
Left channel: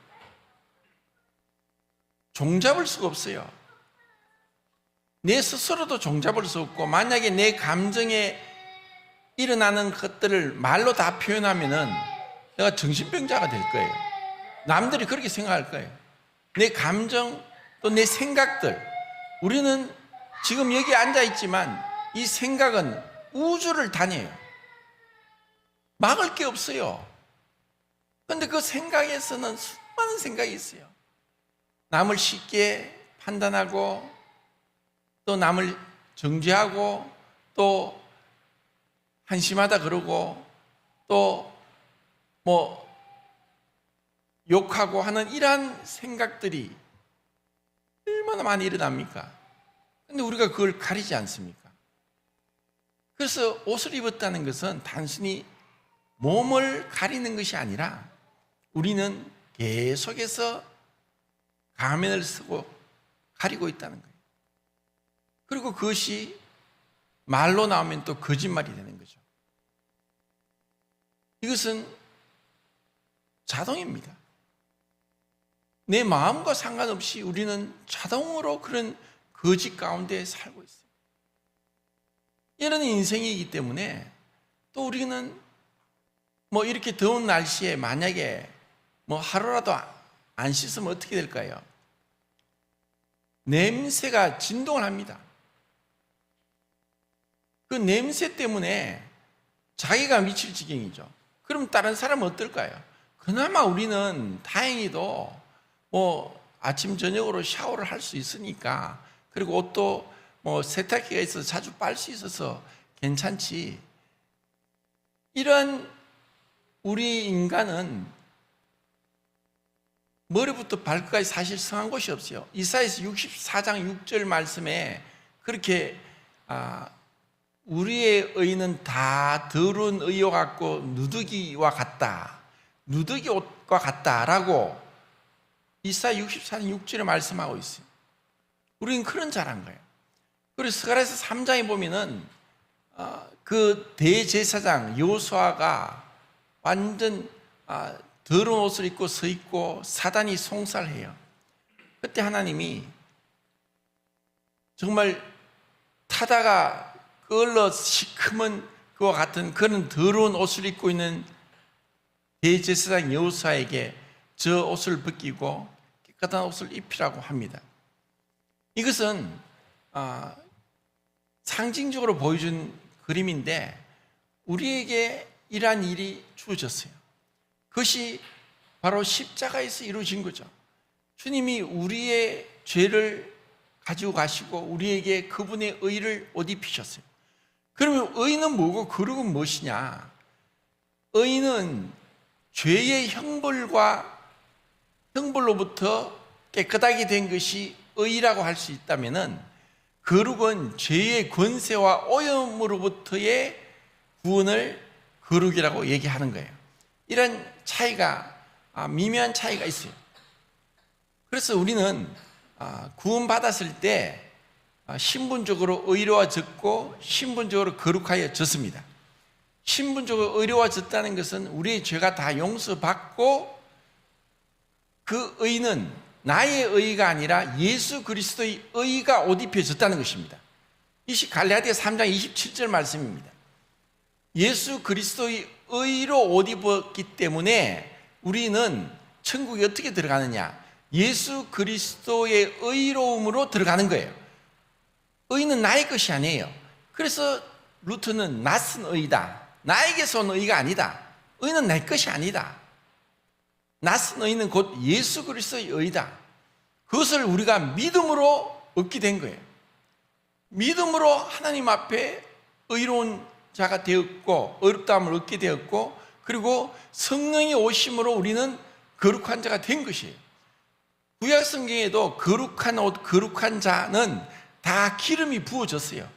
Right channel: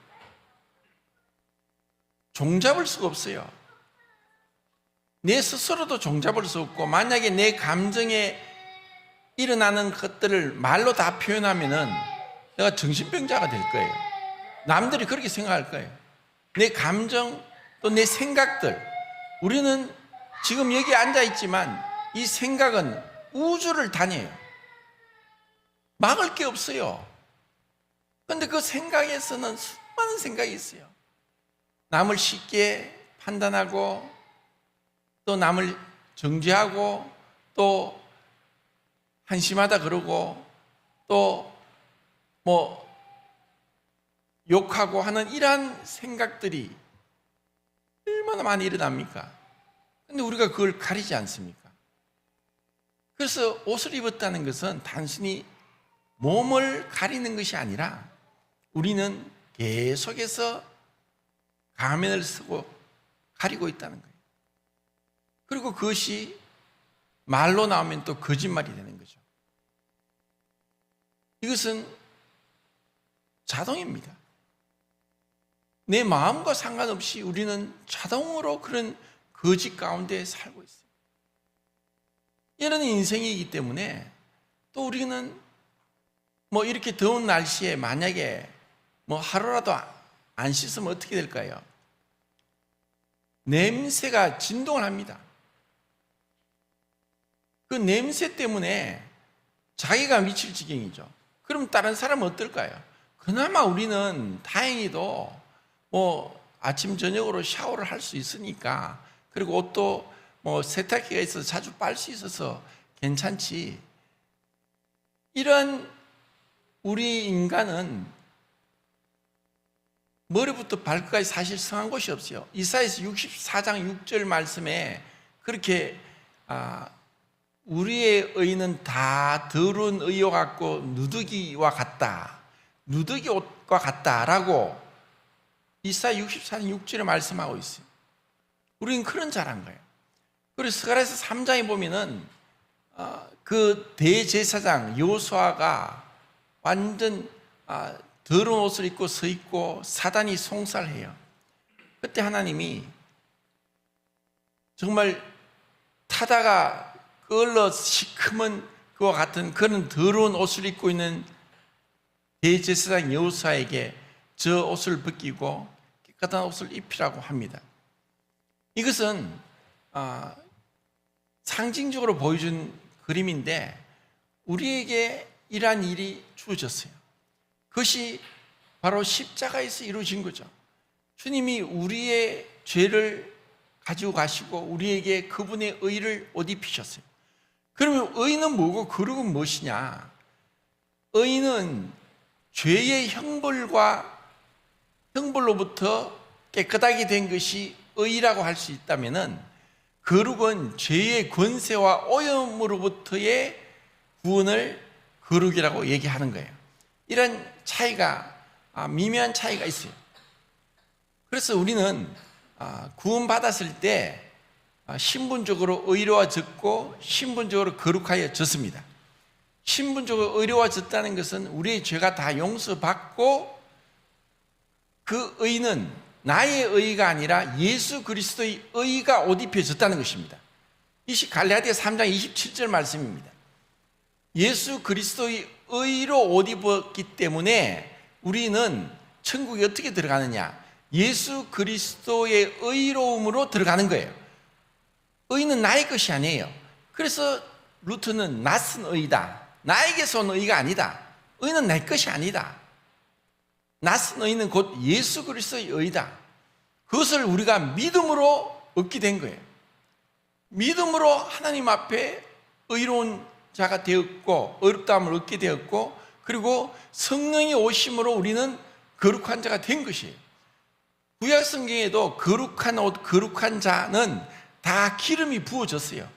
종잡을 수가 없어요. 내 스스로도 종잡을 수 없고 만약에 내 감정에 일어나는 것들을 말로 다 표현하면은 내가 정신병자가 될 거예요. 남들이 그렇게 생각할 거예요. 내 감정 또 내 생각들 우리는 지금 여기 앉아 있지만 이 생각은 우주를 다녀요. 막을 게 없어요. 그런데 그 생각에서는 수많은 생각이 있어요. 남을 쉽게 판단하고 또 남을 정죄하고 또 한심하다 그러고 또 뭐 욕하고 하는 이러한 생각들이 얼마나 많이 일어납니까? 근데 우리가 그걸 가리지 않습니까? 그래서 옷을 입었다는 것은 단순히 몸을 가리는 것이 아니라 우리는 계속해서 가면을 쓰고 가리고 있다는 거예요. 그리고 그것이 말로 나오면 또 거짓말이 되는 거죠. 이것은 자동입니다. 내 마음과 상관없이 우리는 자동으로 그런 거짓 가운데 살고 있어요. 이런 인생이기 때문에 또 우리는 뭐 이렇게 더운 날씨에 만약에 뭐 하루라도 안 씻으면 어떻게 될까요? 냄새가 진동을 합니다. 그 냄새 때문에 자기가 미칠 지경이죠. 그럼 다른 사람은 어떨까요? 그나마 우리는 다행히도 뭐 아침 저녁으로 샤워를 할 수 있으니까 그리고 옷도 뭐 세탁기가 있어서 자주 빨 수 있어서 괜찮지. 이러한 우리 인간은 머리부터 발끝까지 사실 성한 곳이 없어요. 이사야서 64장 6절 말씀에 그렇게 우리의 의는 다 더러운 의와 같고 누더기와 같다, 누더기 옷과 같다라고 이사야 64장 6절에 말씀하고 있어요. 우리는 그런 자란 거예요. 그리고 스가랴서 3장에 보면은 그 대제사장 여호수아가 완전 더러운 옷을 입고 서 있고 사단이 송살해요. 그때 하나님이 정말 타다가 끌러 시커먼 그와 같은 그런 더러운 옷을 입고 있는 대제사장 여호수아에게 저 옷을 벗기고 깨끗한 옷을 입히라고 합니다. 이것은 상징적으로 보여준 그림인데 우리에게 이러한 일이 주어졌어요. 그것이 바로 십자가에서 이루어진 거죠. 주님이 우리의 죄를 가지고 가시고 우리에게 그분의 의를 옷 입히셨어요. 그러면 의는 뭐고 거룩은 무엇이냐? 의는 죄의 형벌로부터 깨끗하게 된 것이 의라고 할 수 있다면은 거룩은 죄의 권세와 오염으로부터의 구원을 거룩이라고 얘기하는 거예요. 이런 차이가 미묘한 차이가 있어요. 그래서 우리는 구원받았을 때 신분적으로 의로워졌고 신분적으로 거룩하여졌습니다. 신분적으로 의로워졌다는 것은 우리의 죄가 다 용서받고 그 의는 나의 의가 아니라 예수 그리스도의 의가 옷 입혀졌다는 것입니다. 이것이 갈라디아 3장 27절 말씀입니다. 예수 그리스도의 의로 옷 입었기 때문에 우리는 천국에 어떻게 들어가느냐? 예수 그리스도의 의로움으로 들어가는 거예요. 의는 나의 것이 아니에요. 그래서 루터는 낯선 의다, 나에게서 온 의가 아니다. 의는 내 것이 아니다. 낯선 의는 곧 예수 그리스도의 의다. 그것을 우리가 믿음으로 얻게 된 거예요. 믿음으로 하나님 앞에 의로운 자가 되었고 의롭다함을 얻게 되었고 그리고 성령의 오심으로 우리는 거룩한 자가 된 것이에요. 구약 성경에도 거룩한 옷, 거룩한 자는 다 기름이 부어졌어요.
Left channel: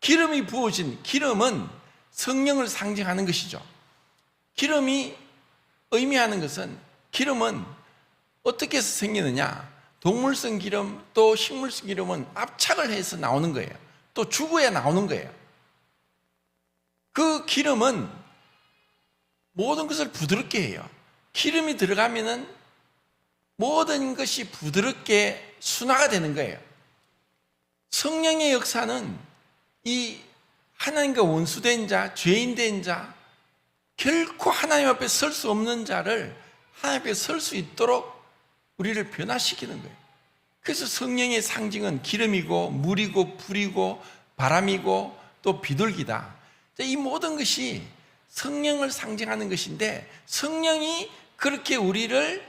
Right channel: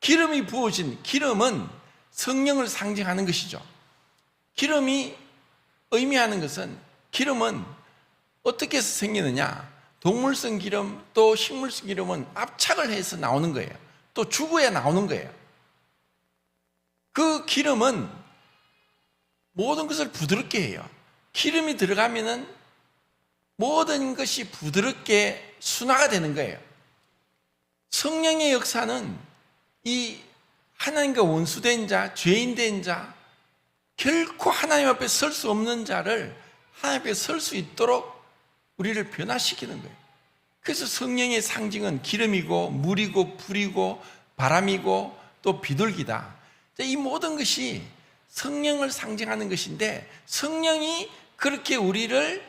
기름이 부어진 기름은 성령을 상징하는 것이죠. 기름이 의미하는 것은 기름은 어떻게 해서 생기느냐? 동물성 기름 또 식물성 기름은 압착을 해서 나오는 거예요. 또 죽어야 나오는 거예요. 그 기름은 모든 것을 부드럽게 해요. 기름이 들어가면은 모든 것이 부드럽게 순화가 되는 거예요. 성령의 역사는 이 하나님과 원수된 자, 죄인된 자, 결코 하나님 앞에 설 수 없는 자를 하나님 앞에 설 수 있도록 우리를 변화시키는 거예요. 그래서 성령의 상징은 기름이고 물이고 불이고 바람이고 또 비둘기다. 이 모든 것이 성령을 상징하는 것인데 성령이 그렇게 우리를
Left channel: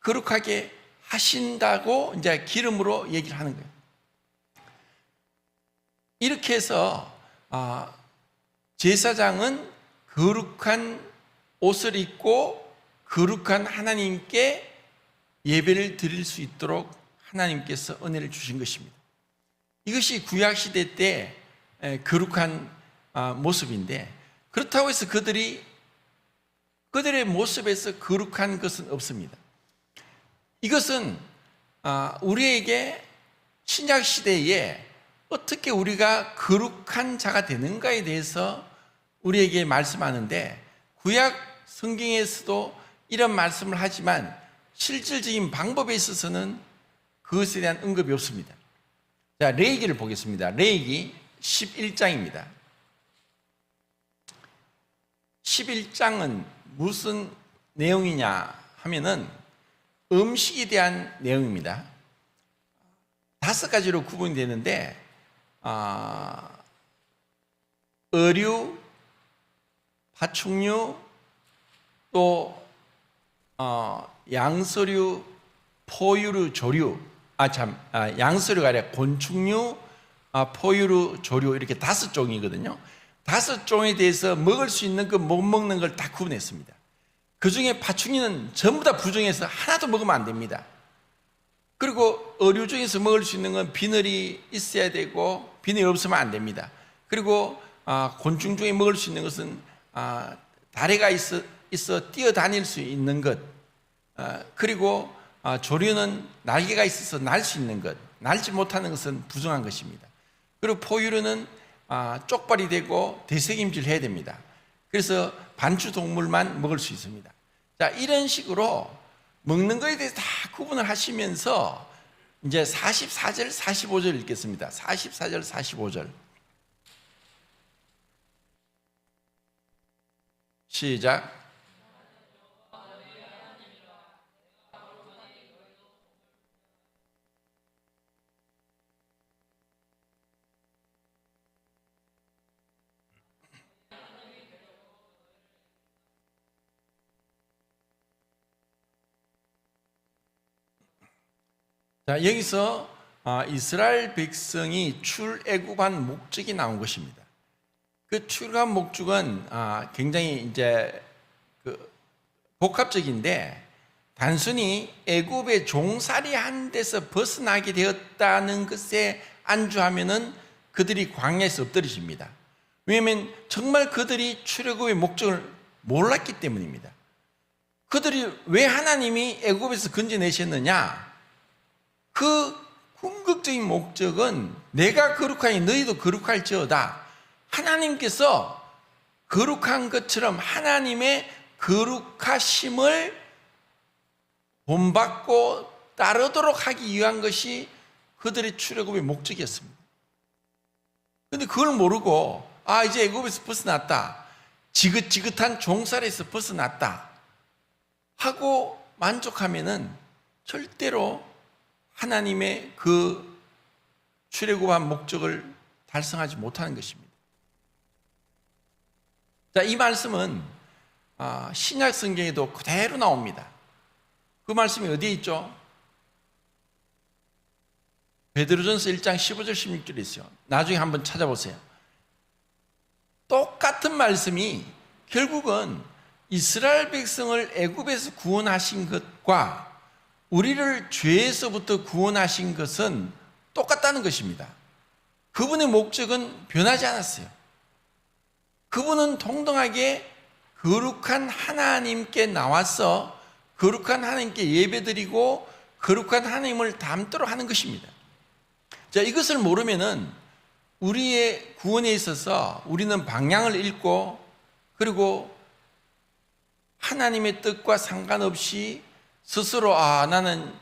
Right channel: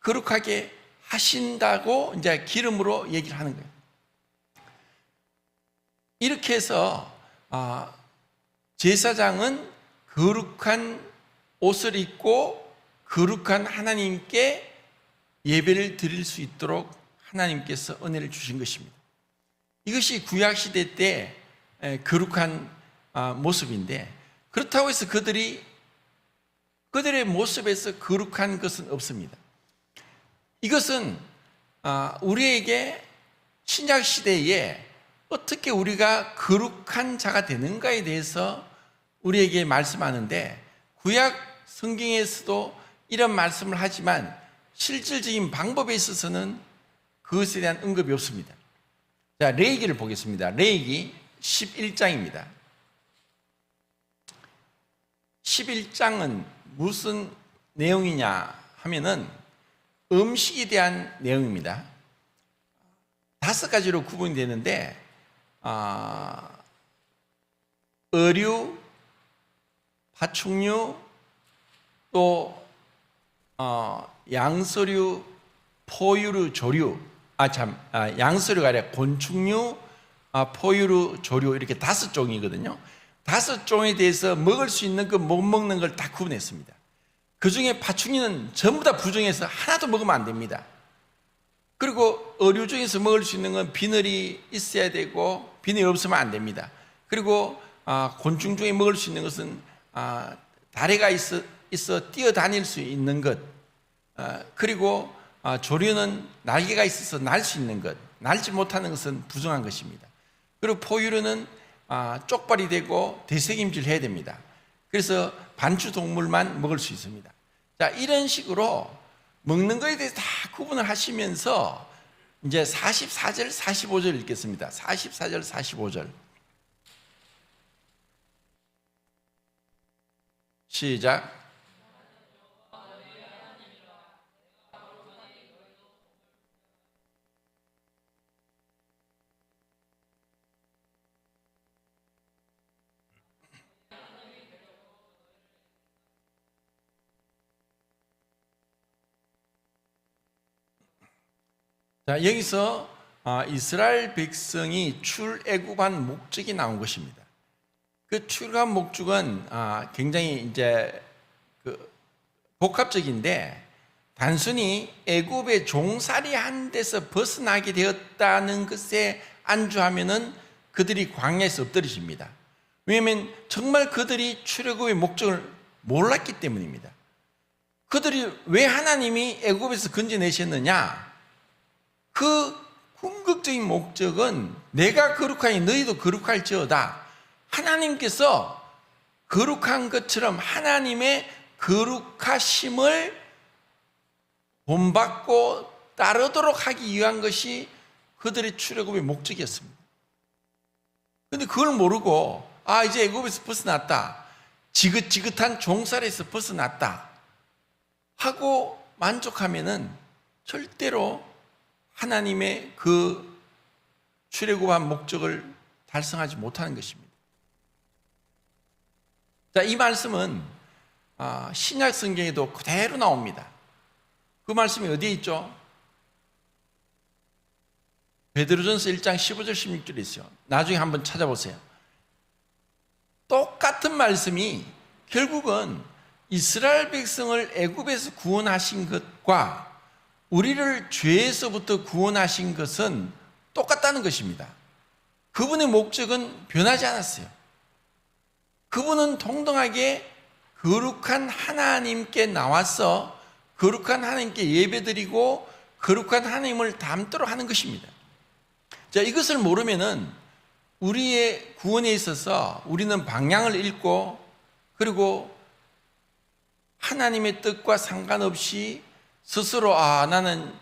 거룩하게 하신다고 이제 기름으로 얘기를 하는 거예요. 이렇게 해서 제사장은 거룩한 옷을 입고 거룩한 하나님께 예배를 드릴 수 있도록 하나님께서 은혜를 주신 것입니다. 이것이 구약시대 때 거룩한 모습인데 그렇다고 해서 그들의 모습에서 거룩한 것은 없습니다. 이것은 우리에게 신약시대에 어떻게 우리가 거룩한 자가 되는가에 대해서 우리에게 말씀하는데 구약 성경에서도 이런 말씀을 하지만 실질적인 방법에 있어서는 그것에 대한 언급이 없습니다. 자, 레위기를 보겠습니다. 레위기 11장입니다. 11장은 무슨 내용이냐 하면은 음식에 대한 내용입니다. 5가지로 구분이 되는데 어류, 파충류, 또 양서류, 포유류, 조류, 양서류가 아니라 곤충류, 포유류, 조류 이렇게 5종이거든요. 5종에 대해서 먹을 수 있는 것, 못 먹는 걸 다 구분했습니다. 그 중에 파충류는 전부 다 부정해서 하나도 먹으면 안 됩니다. 그리고 어류 중에서 먹을 수 있는 건 비늘이 있어야 되고 비늘이 없으면 안 됩니다. 그리고 곤충 중에 먹을 수 있는 것은 다리가 있어 뛰어다닐 수 있는 것, 그리고 조류는 날개가 있어서 날 수 있는 것, 날지 못하는 것은 부정한 것입니다. 그리고 포유류는 쪽발이 되고 대책임질 해야 됩니다. 그래서 반추 동물만 먹을 수 있습니다. 자, 이런 식으로 먹는 것에 대해서 다 구분을 하시면서 이제 44절, 45절 읽겠습니다. 44절, 45절. 시작. 자, 여기서 이스라엘 백성이 출애굽한 목적이 나온 것입니다. 그 출애굽한 목적은 굉장히 이제 복합적인데, 단순히 애굽의 종살이한 데서 벗어나게 되었다는 것에 안주하면은 그들이 광야에서 엎드러집니다. 왜냐하면 정말 그들이 출애굽의 목적을 몰랐기 때문입니다. 그들이 왜 하나님이 애굽에서 건져내셨느냐? 그 궁극적인 목적은 내가 거룩하니 너희도 거룩할지어다. 하나님께서 거룩한 것처럼 하나님의 거룩하심을 본받고 따르도록 하기 위한 것이 그들의 출애굽의 목적이었습니다. 그런데 그걸 모르고 이제 애굽에서 벗어났다, 지긋지긋한 종살에서 벗어났다 하고 만족하면은 절대로 하나님의 그 출애굽한 목적을 달성하지 못하는 것입니다. 자, 이 말씀은 신약 성경에도 그대로 나옵니다. 그 말씀이 어디에 있죠? 베드로전서 1장 15절 16절에 있어요. 나중에 한번 찾아보세요. 똑같은 말씀이 결국은 이스라엘 백성을 애굽에서 구원하신 것과 우리를 죄에서부터 구원하신 것은 똑같다는 것입니다. 그분의 목적은 변하지 않았어요. 그분은 동등하게 거룩한 하나님께 나와서 거룩한 하나님께 예배드리고 거룩한 하나님을 닮도록 하는 것입니다. 자, 이것을 모르면은 우리의 구원에 있어서 우리는 방향을 잃고, 그리고 하나님의 뜻과 상관없이 스스로 나는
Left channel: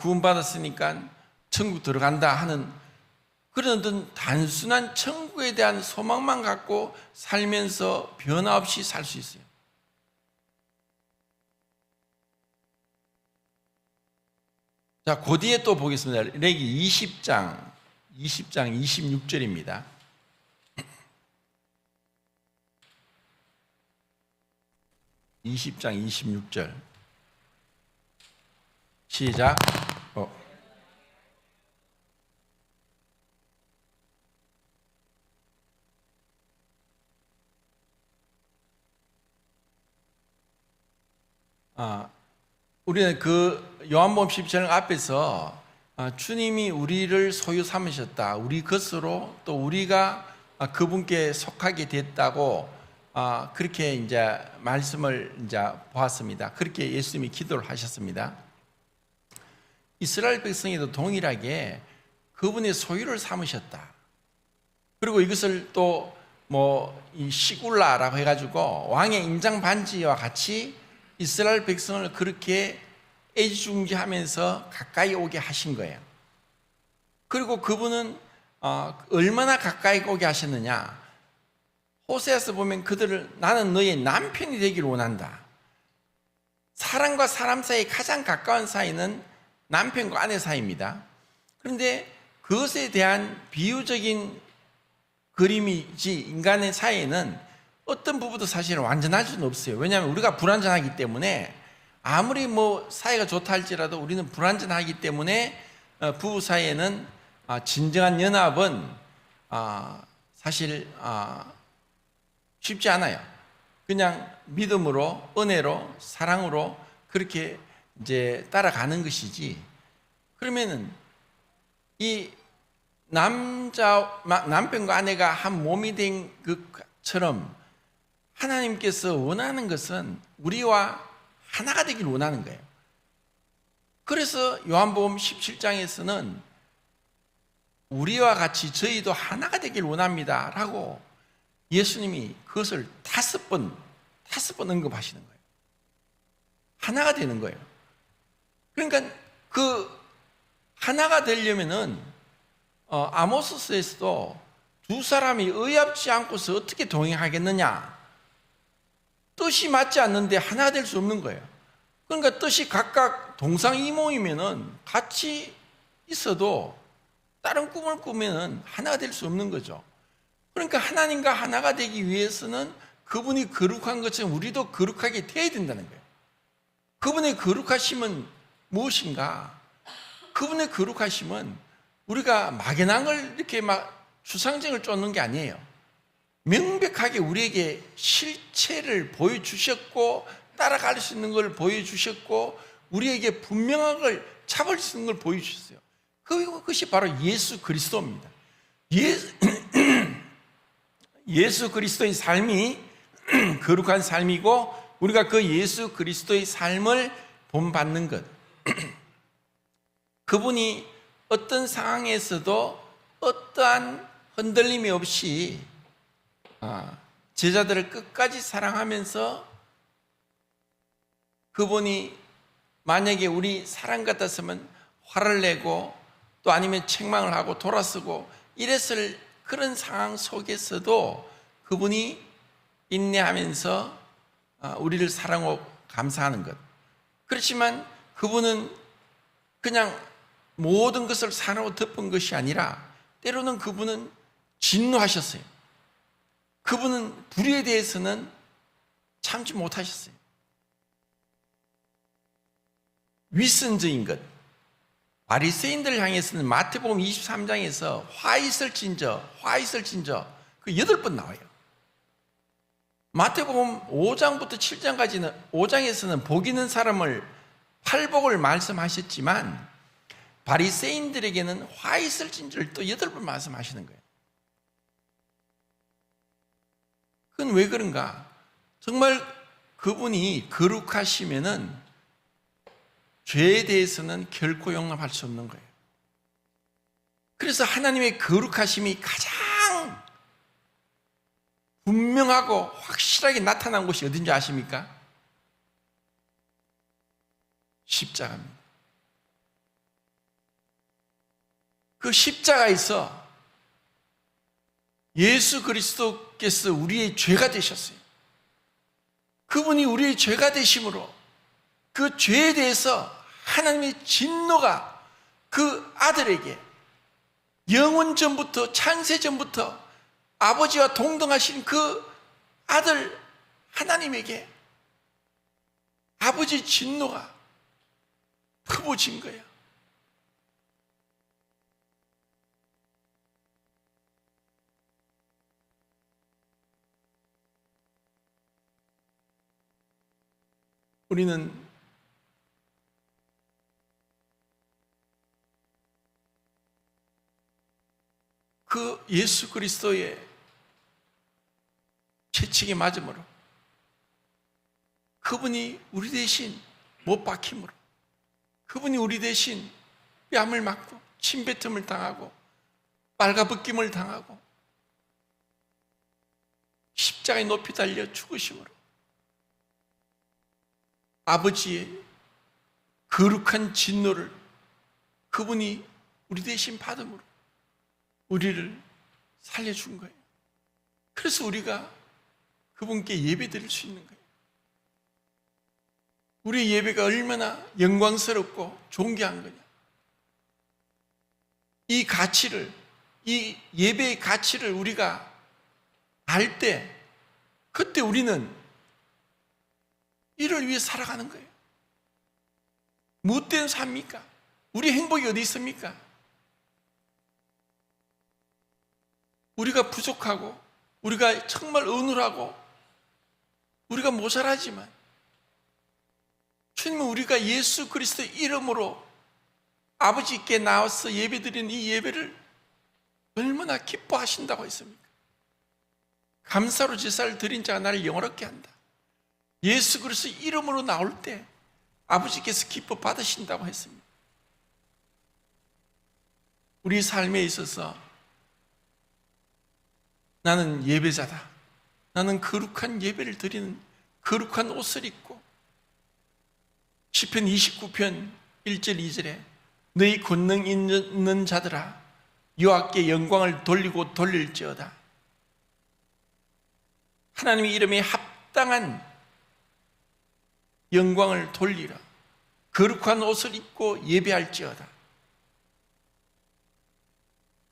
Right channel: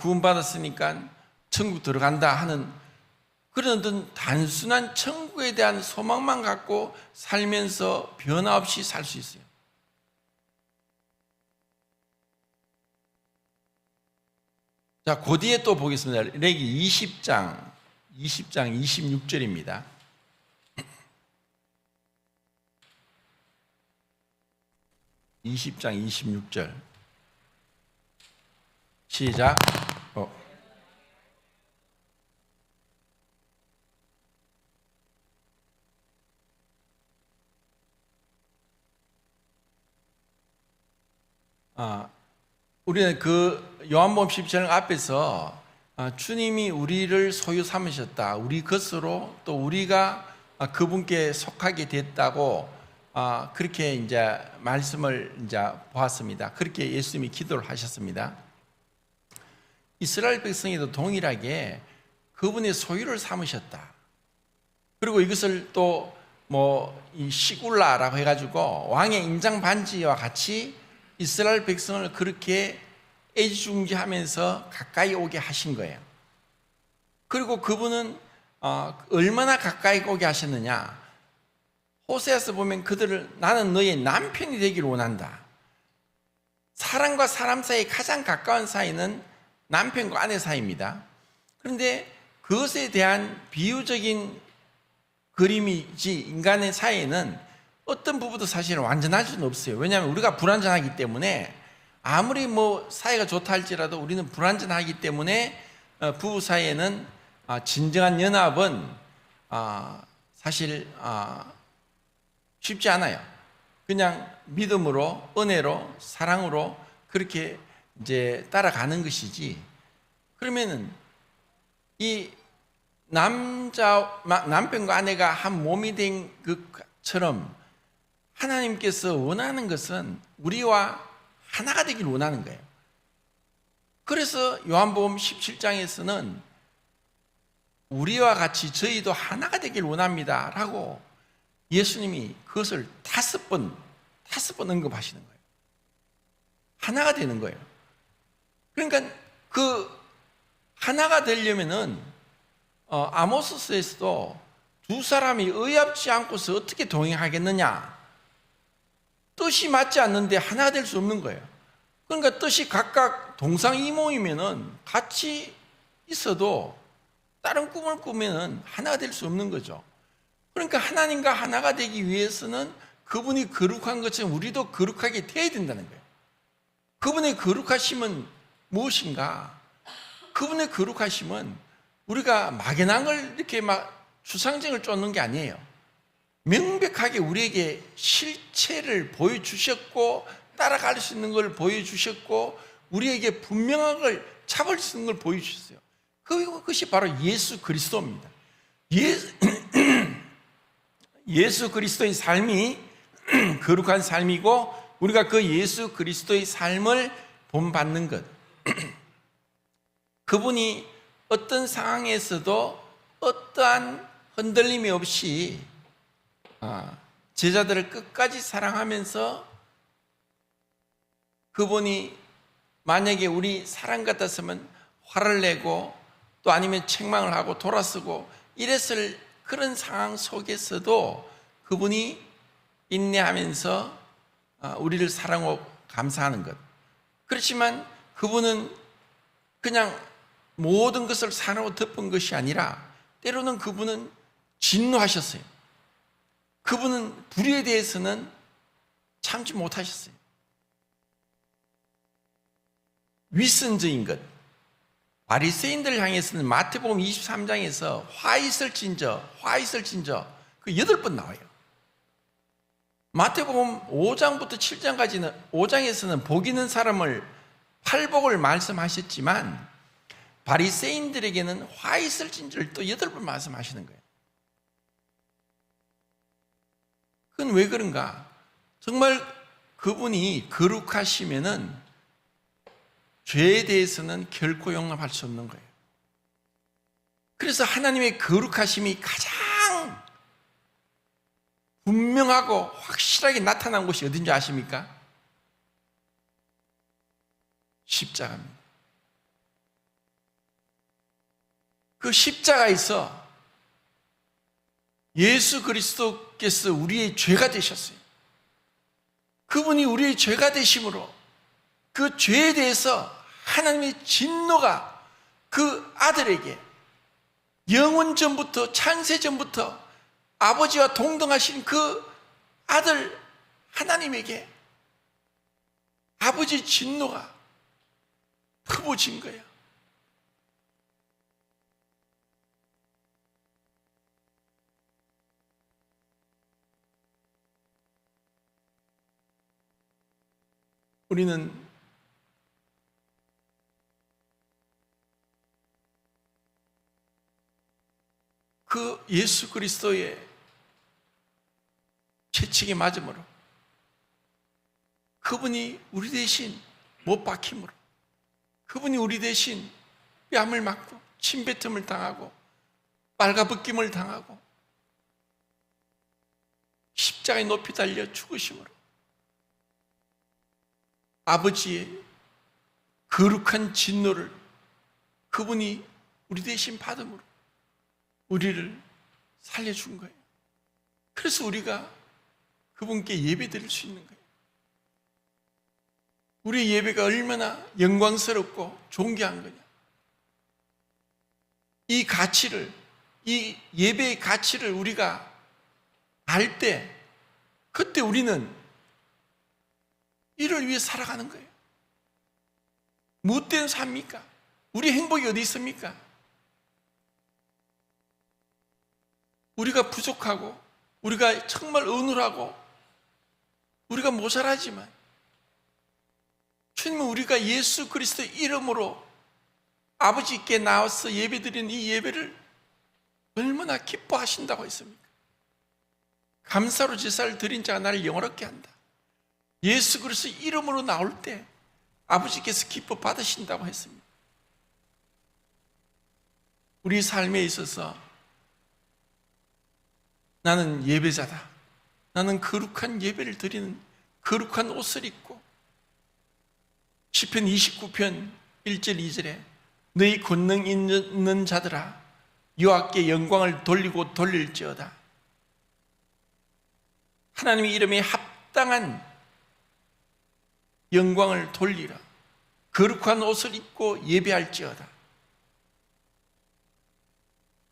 구원받았으니까 천국 들어간다 하는 그런 어떤 단순한 천국에 대한 소망만 갖고 살면서 변화 없이 살 수 있어요. 자, 그 뒤에 또 보겠습니다. 레기 20장 26절입니다. 시작. 우리는 그 요한복음 17장 앞에서 주님이 우리를 소유 삼으셨다, 우리 것으로 또 우리가 그분께 속하게 됐다고 그렇게 이제 말씀을 이제 보았습니다. 그렇게 예수님이 기도를 하셨습니다. 이스라엘 백성에도 동일하게 그분의 소유를 삼으셨다. 그리고 이것을 또 이 시굴라라고 해가지고 왕의 인장 반지와 같이 이스라엘 백성을 그렇게 애지중지하면서 가까이 오게 하신 거예요. 그리고 그분은 얼마나 가까이 오게 하셨느냐? 호세아서 보면 그들을 나는 너의 남편이 되기를 원한다. 사람과 사람 사이에 가장 가까운 사이는 남편과 아내 사이입니다. 그런데 그것에 대한 비유적인 그림이지, 인간의 사이에는 어떤 부분도 사실은 완전할 수는 없어요. 왜냐하면 우리가 불완전하기 때문에, 아무리 사이가 좋다 할지라도 우리는 불완전하기 때문에 부부 사이에는 진정한 연합은 사실 쉽지 않아요. 그냥 믿음으로, 은혜로, 사랑으로 그렇게 이제 따라가는 것이지. 그러면은 이 남편과 아내가 한 몸이 된 것처럼 하나님께서 원하는 것은 우리와 하나가 되길 원하는 거예요. 그래서 요한복음 17장에서는 우리와 같이 저희도 하나가 되길 원합니다 라고 예수님이 그것을 5번 언급하시는 거예요. 하나가 되는 거예요. 그러니까 그 하나가 되려면은 아모스서에서도 두 사람이 의합지 않고서 어떻게 동행하겠느냐, 뜻이 맞지 않는데 하나가 될 수 없는 거예요. 그러니까 뜻이 각각 동상이몽이면은 같이 있어도 다른 꿈을 꾸면은 하나가 될 수 없는 거죠. 그러니까 하나님과 하나가 되기 위해서는 그분이 거룩한 것처럼 우리도 거룩하게 되어야 된다는 거예요. 그분의 거룩하심은 무엇인가? 그분의 거룩하심은 우리가 막연한 걸 이렇게 막 추상적을 쫓는 게 아니에요. 명백하게 우리에게 실체를 보여주셨고 따라갈 수 있는 걸 보여주셨고 우리에게 분명한 걸 잡을 수 있는 걸 보여주셨어요. 그것이 바로 예수 그리스도입니다. 예수 그리스도의 삶이 거룩한 삶이고 우리가 그 예수 그리스도의 삶을 본받는 것. 그분이 어떤 상황에서도 어떠한 흔들림이 없이 제자들을 끝까지 사랑하면서 그분이 만약에 우리 사람 같았으면 화를 내고 또 아니면 책망을 하고 돌아서고 이랬을 그런 상황 속에서도 그분이 인내하면서 우리를 사랑하고 감사하는 것. 그렇지만 그분은 그냥 모든 것을 사랑하고 덮은 것이 아니라 때로는 그분은 진노하셨어요. 그분은 불의에 대해서는 참지 못하셨어요. 위선적인 것. 바리새인들을 향해서는 마태복음 23장에서 화 있을진저 그 8번 나와요. 마태복음 5장부터 7장까지는 5장에서는 복 있는 사람을 팔복을 말씀하셨지만 바리새인들에게는 화 있을진저를 또 8번 말씀하시는 거예요. 그건 왜 그런가? 정말 그분이 거룩하시면은 죄에 대해서는 결코 용납할 수 없는 거예요. 그래서 하나님의 거룩하심이 가장 분명하고 확실하게 나타난 곳이 어딘지 아십니까? 십자가입니다. 그 십자가에서 예수 그리스도께서 우리의 죄가 되셨어요. 그분이 우리의 죄가 되심으로 그 죄에 대해서 하나님의 진노가 그 아들에게 영원 전부터 창세 전부터 아버지와 동등하신 그 아들 하나님에게 아버지의 진노가 퍼부어진 거예요. 우리는 그 예수 그리스도의 채찍에 맞음으로 그분이 우리 대신 못 박힘으로 그분이 우리 대신 뺨을 맞고 침뱉음을 당하고 빨가벗김을 당하고 십자가에 높이 달려 죽으심으로 아버지의 거룩한 진노를 그분이 우리 대신 받음으로 우리를 살려준 거예요. 그래서 우리가 그분께 예배드릴 수 있는 거예요. 우리 예배가 얼마나 영광스럽고 존귀한 거냐. 이 가치를, 이 예배의 가치를 우리가 알 때, 그때 우리는 이를 위해 살아가는 거예요. 무엇 때문에 삽니까? 우리 행복이 어디 있습니까? 우리가 부족하고 우리가 정말 어눌하고 우리가 모자라지만 주님은 우리가 예수 그리스도의 이름으로 아버지께 나와서 예배드리는 이 예배를 얼마나 기뻐하신다고 했습니까? 감사로 제사를 드린 자가 나를 영화롭게 한다. 예수 그리스도 이름으로 나올 때 아버지께서 기뻐 받으신다고 했습니다. 우리 삶에 있어서 나는 예배자다. 나는 거룩한 예배를 드리는 거룩한 옷을 입고 시편 29편 1절 2절에 너희 권능 있는 자들아 여호와께 영광을 돌리고 돌릴지어다. 하나님의 이름에 합당한 영광을 돌리라. 거룩한 옷을 입고 예배할지어다.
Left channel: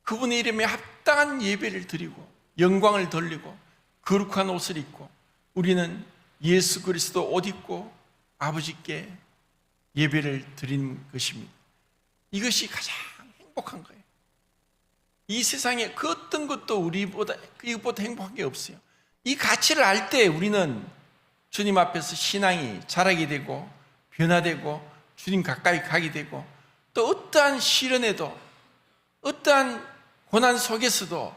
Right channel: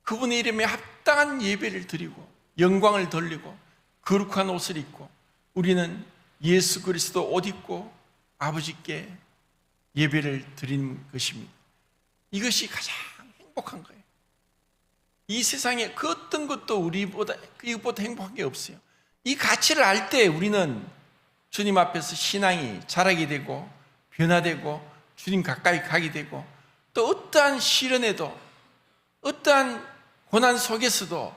그분의 이름에 합당한 예배를 드리고 영광을 돌리고 거룩한 옷을 입고 우리는 예수 그리스도 옷 입고 아버지께 예배를 드리는 것입니다. 이것이 가장 행복한 거예요. 이 세상에 그 어떤 것도 우리보다 이것보다 행복한 게 없어요. 이 가치를 알 때 우리는 주님 앞에서 신앙이 자라게 되고 변화되고 주님 가까이 가게 되고 또 어떠한 시련에도 어떠한 고난 속에서도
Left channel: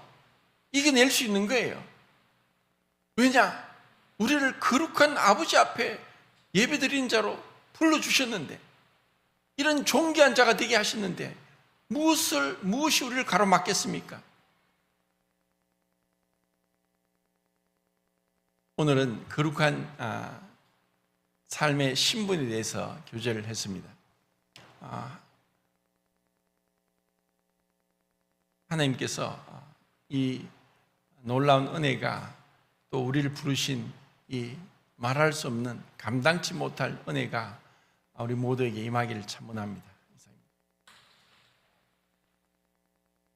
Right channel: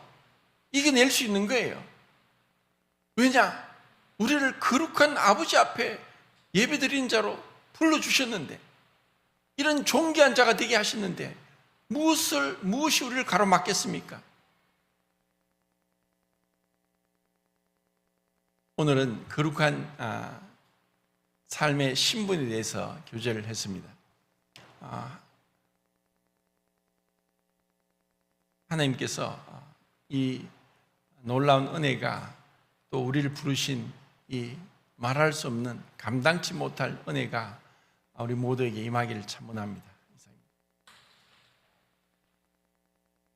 이겨낼 수 있는 거예요. 왜냐? 우리를 거룩한 아버지 앞에 예배드리는 자로 불러주셨는데 이런 존귀한 자가 되게 하셨는데 무엇이 우리를 가로막겠습니까? 오늘은 거룩한 삶의 신분에 대해서 교제를 했습니다. 하나님께서 이 놀라운 은혜가 또 우리를 부르신 이 말할 수 없는 감당치 못할 은혜가 우리 모두에게 임하기를 참원합니다.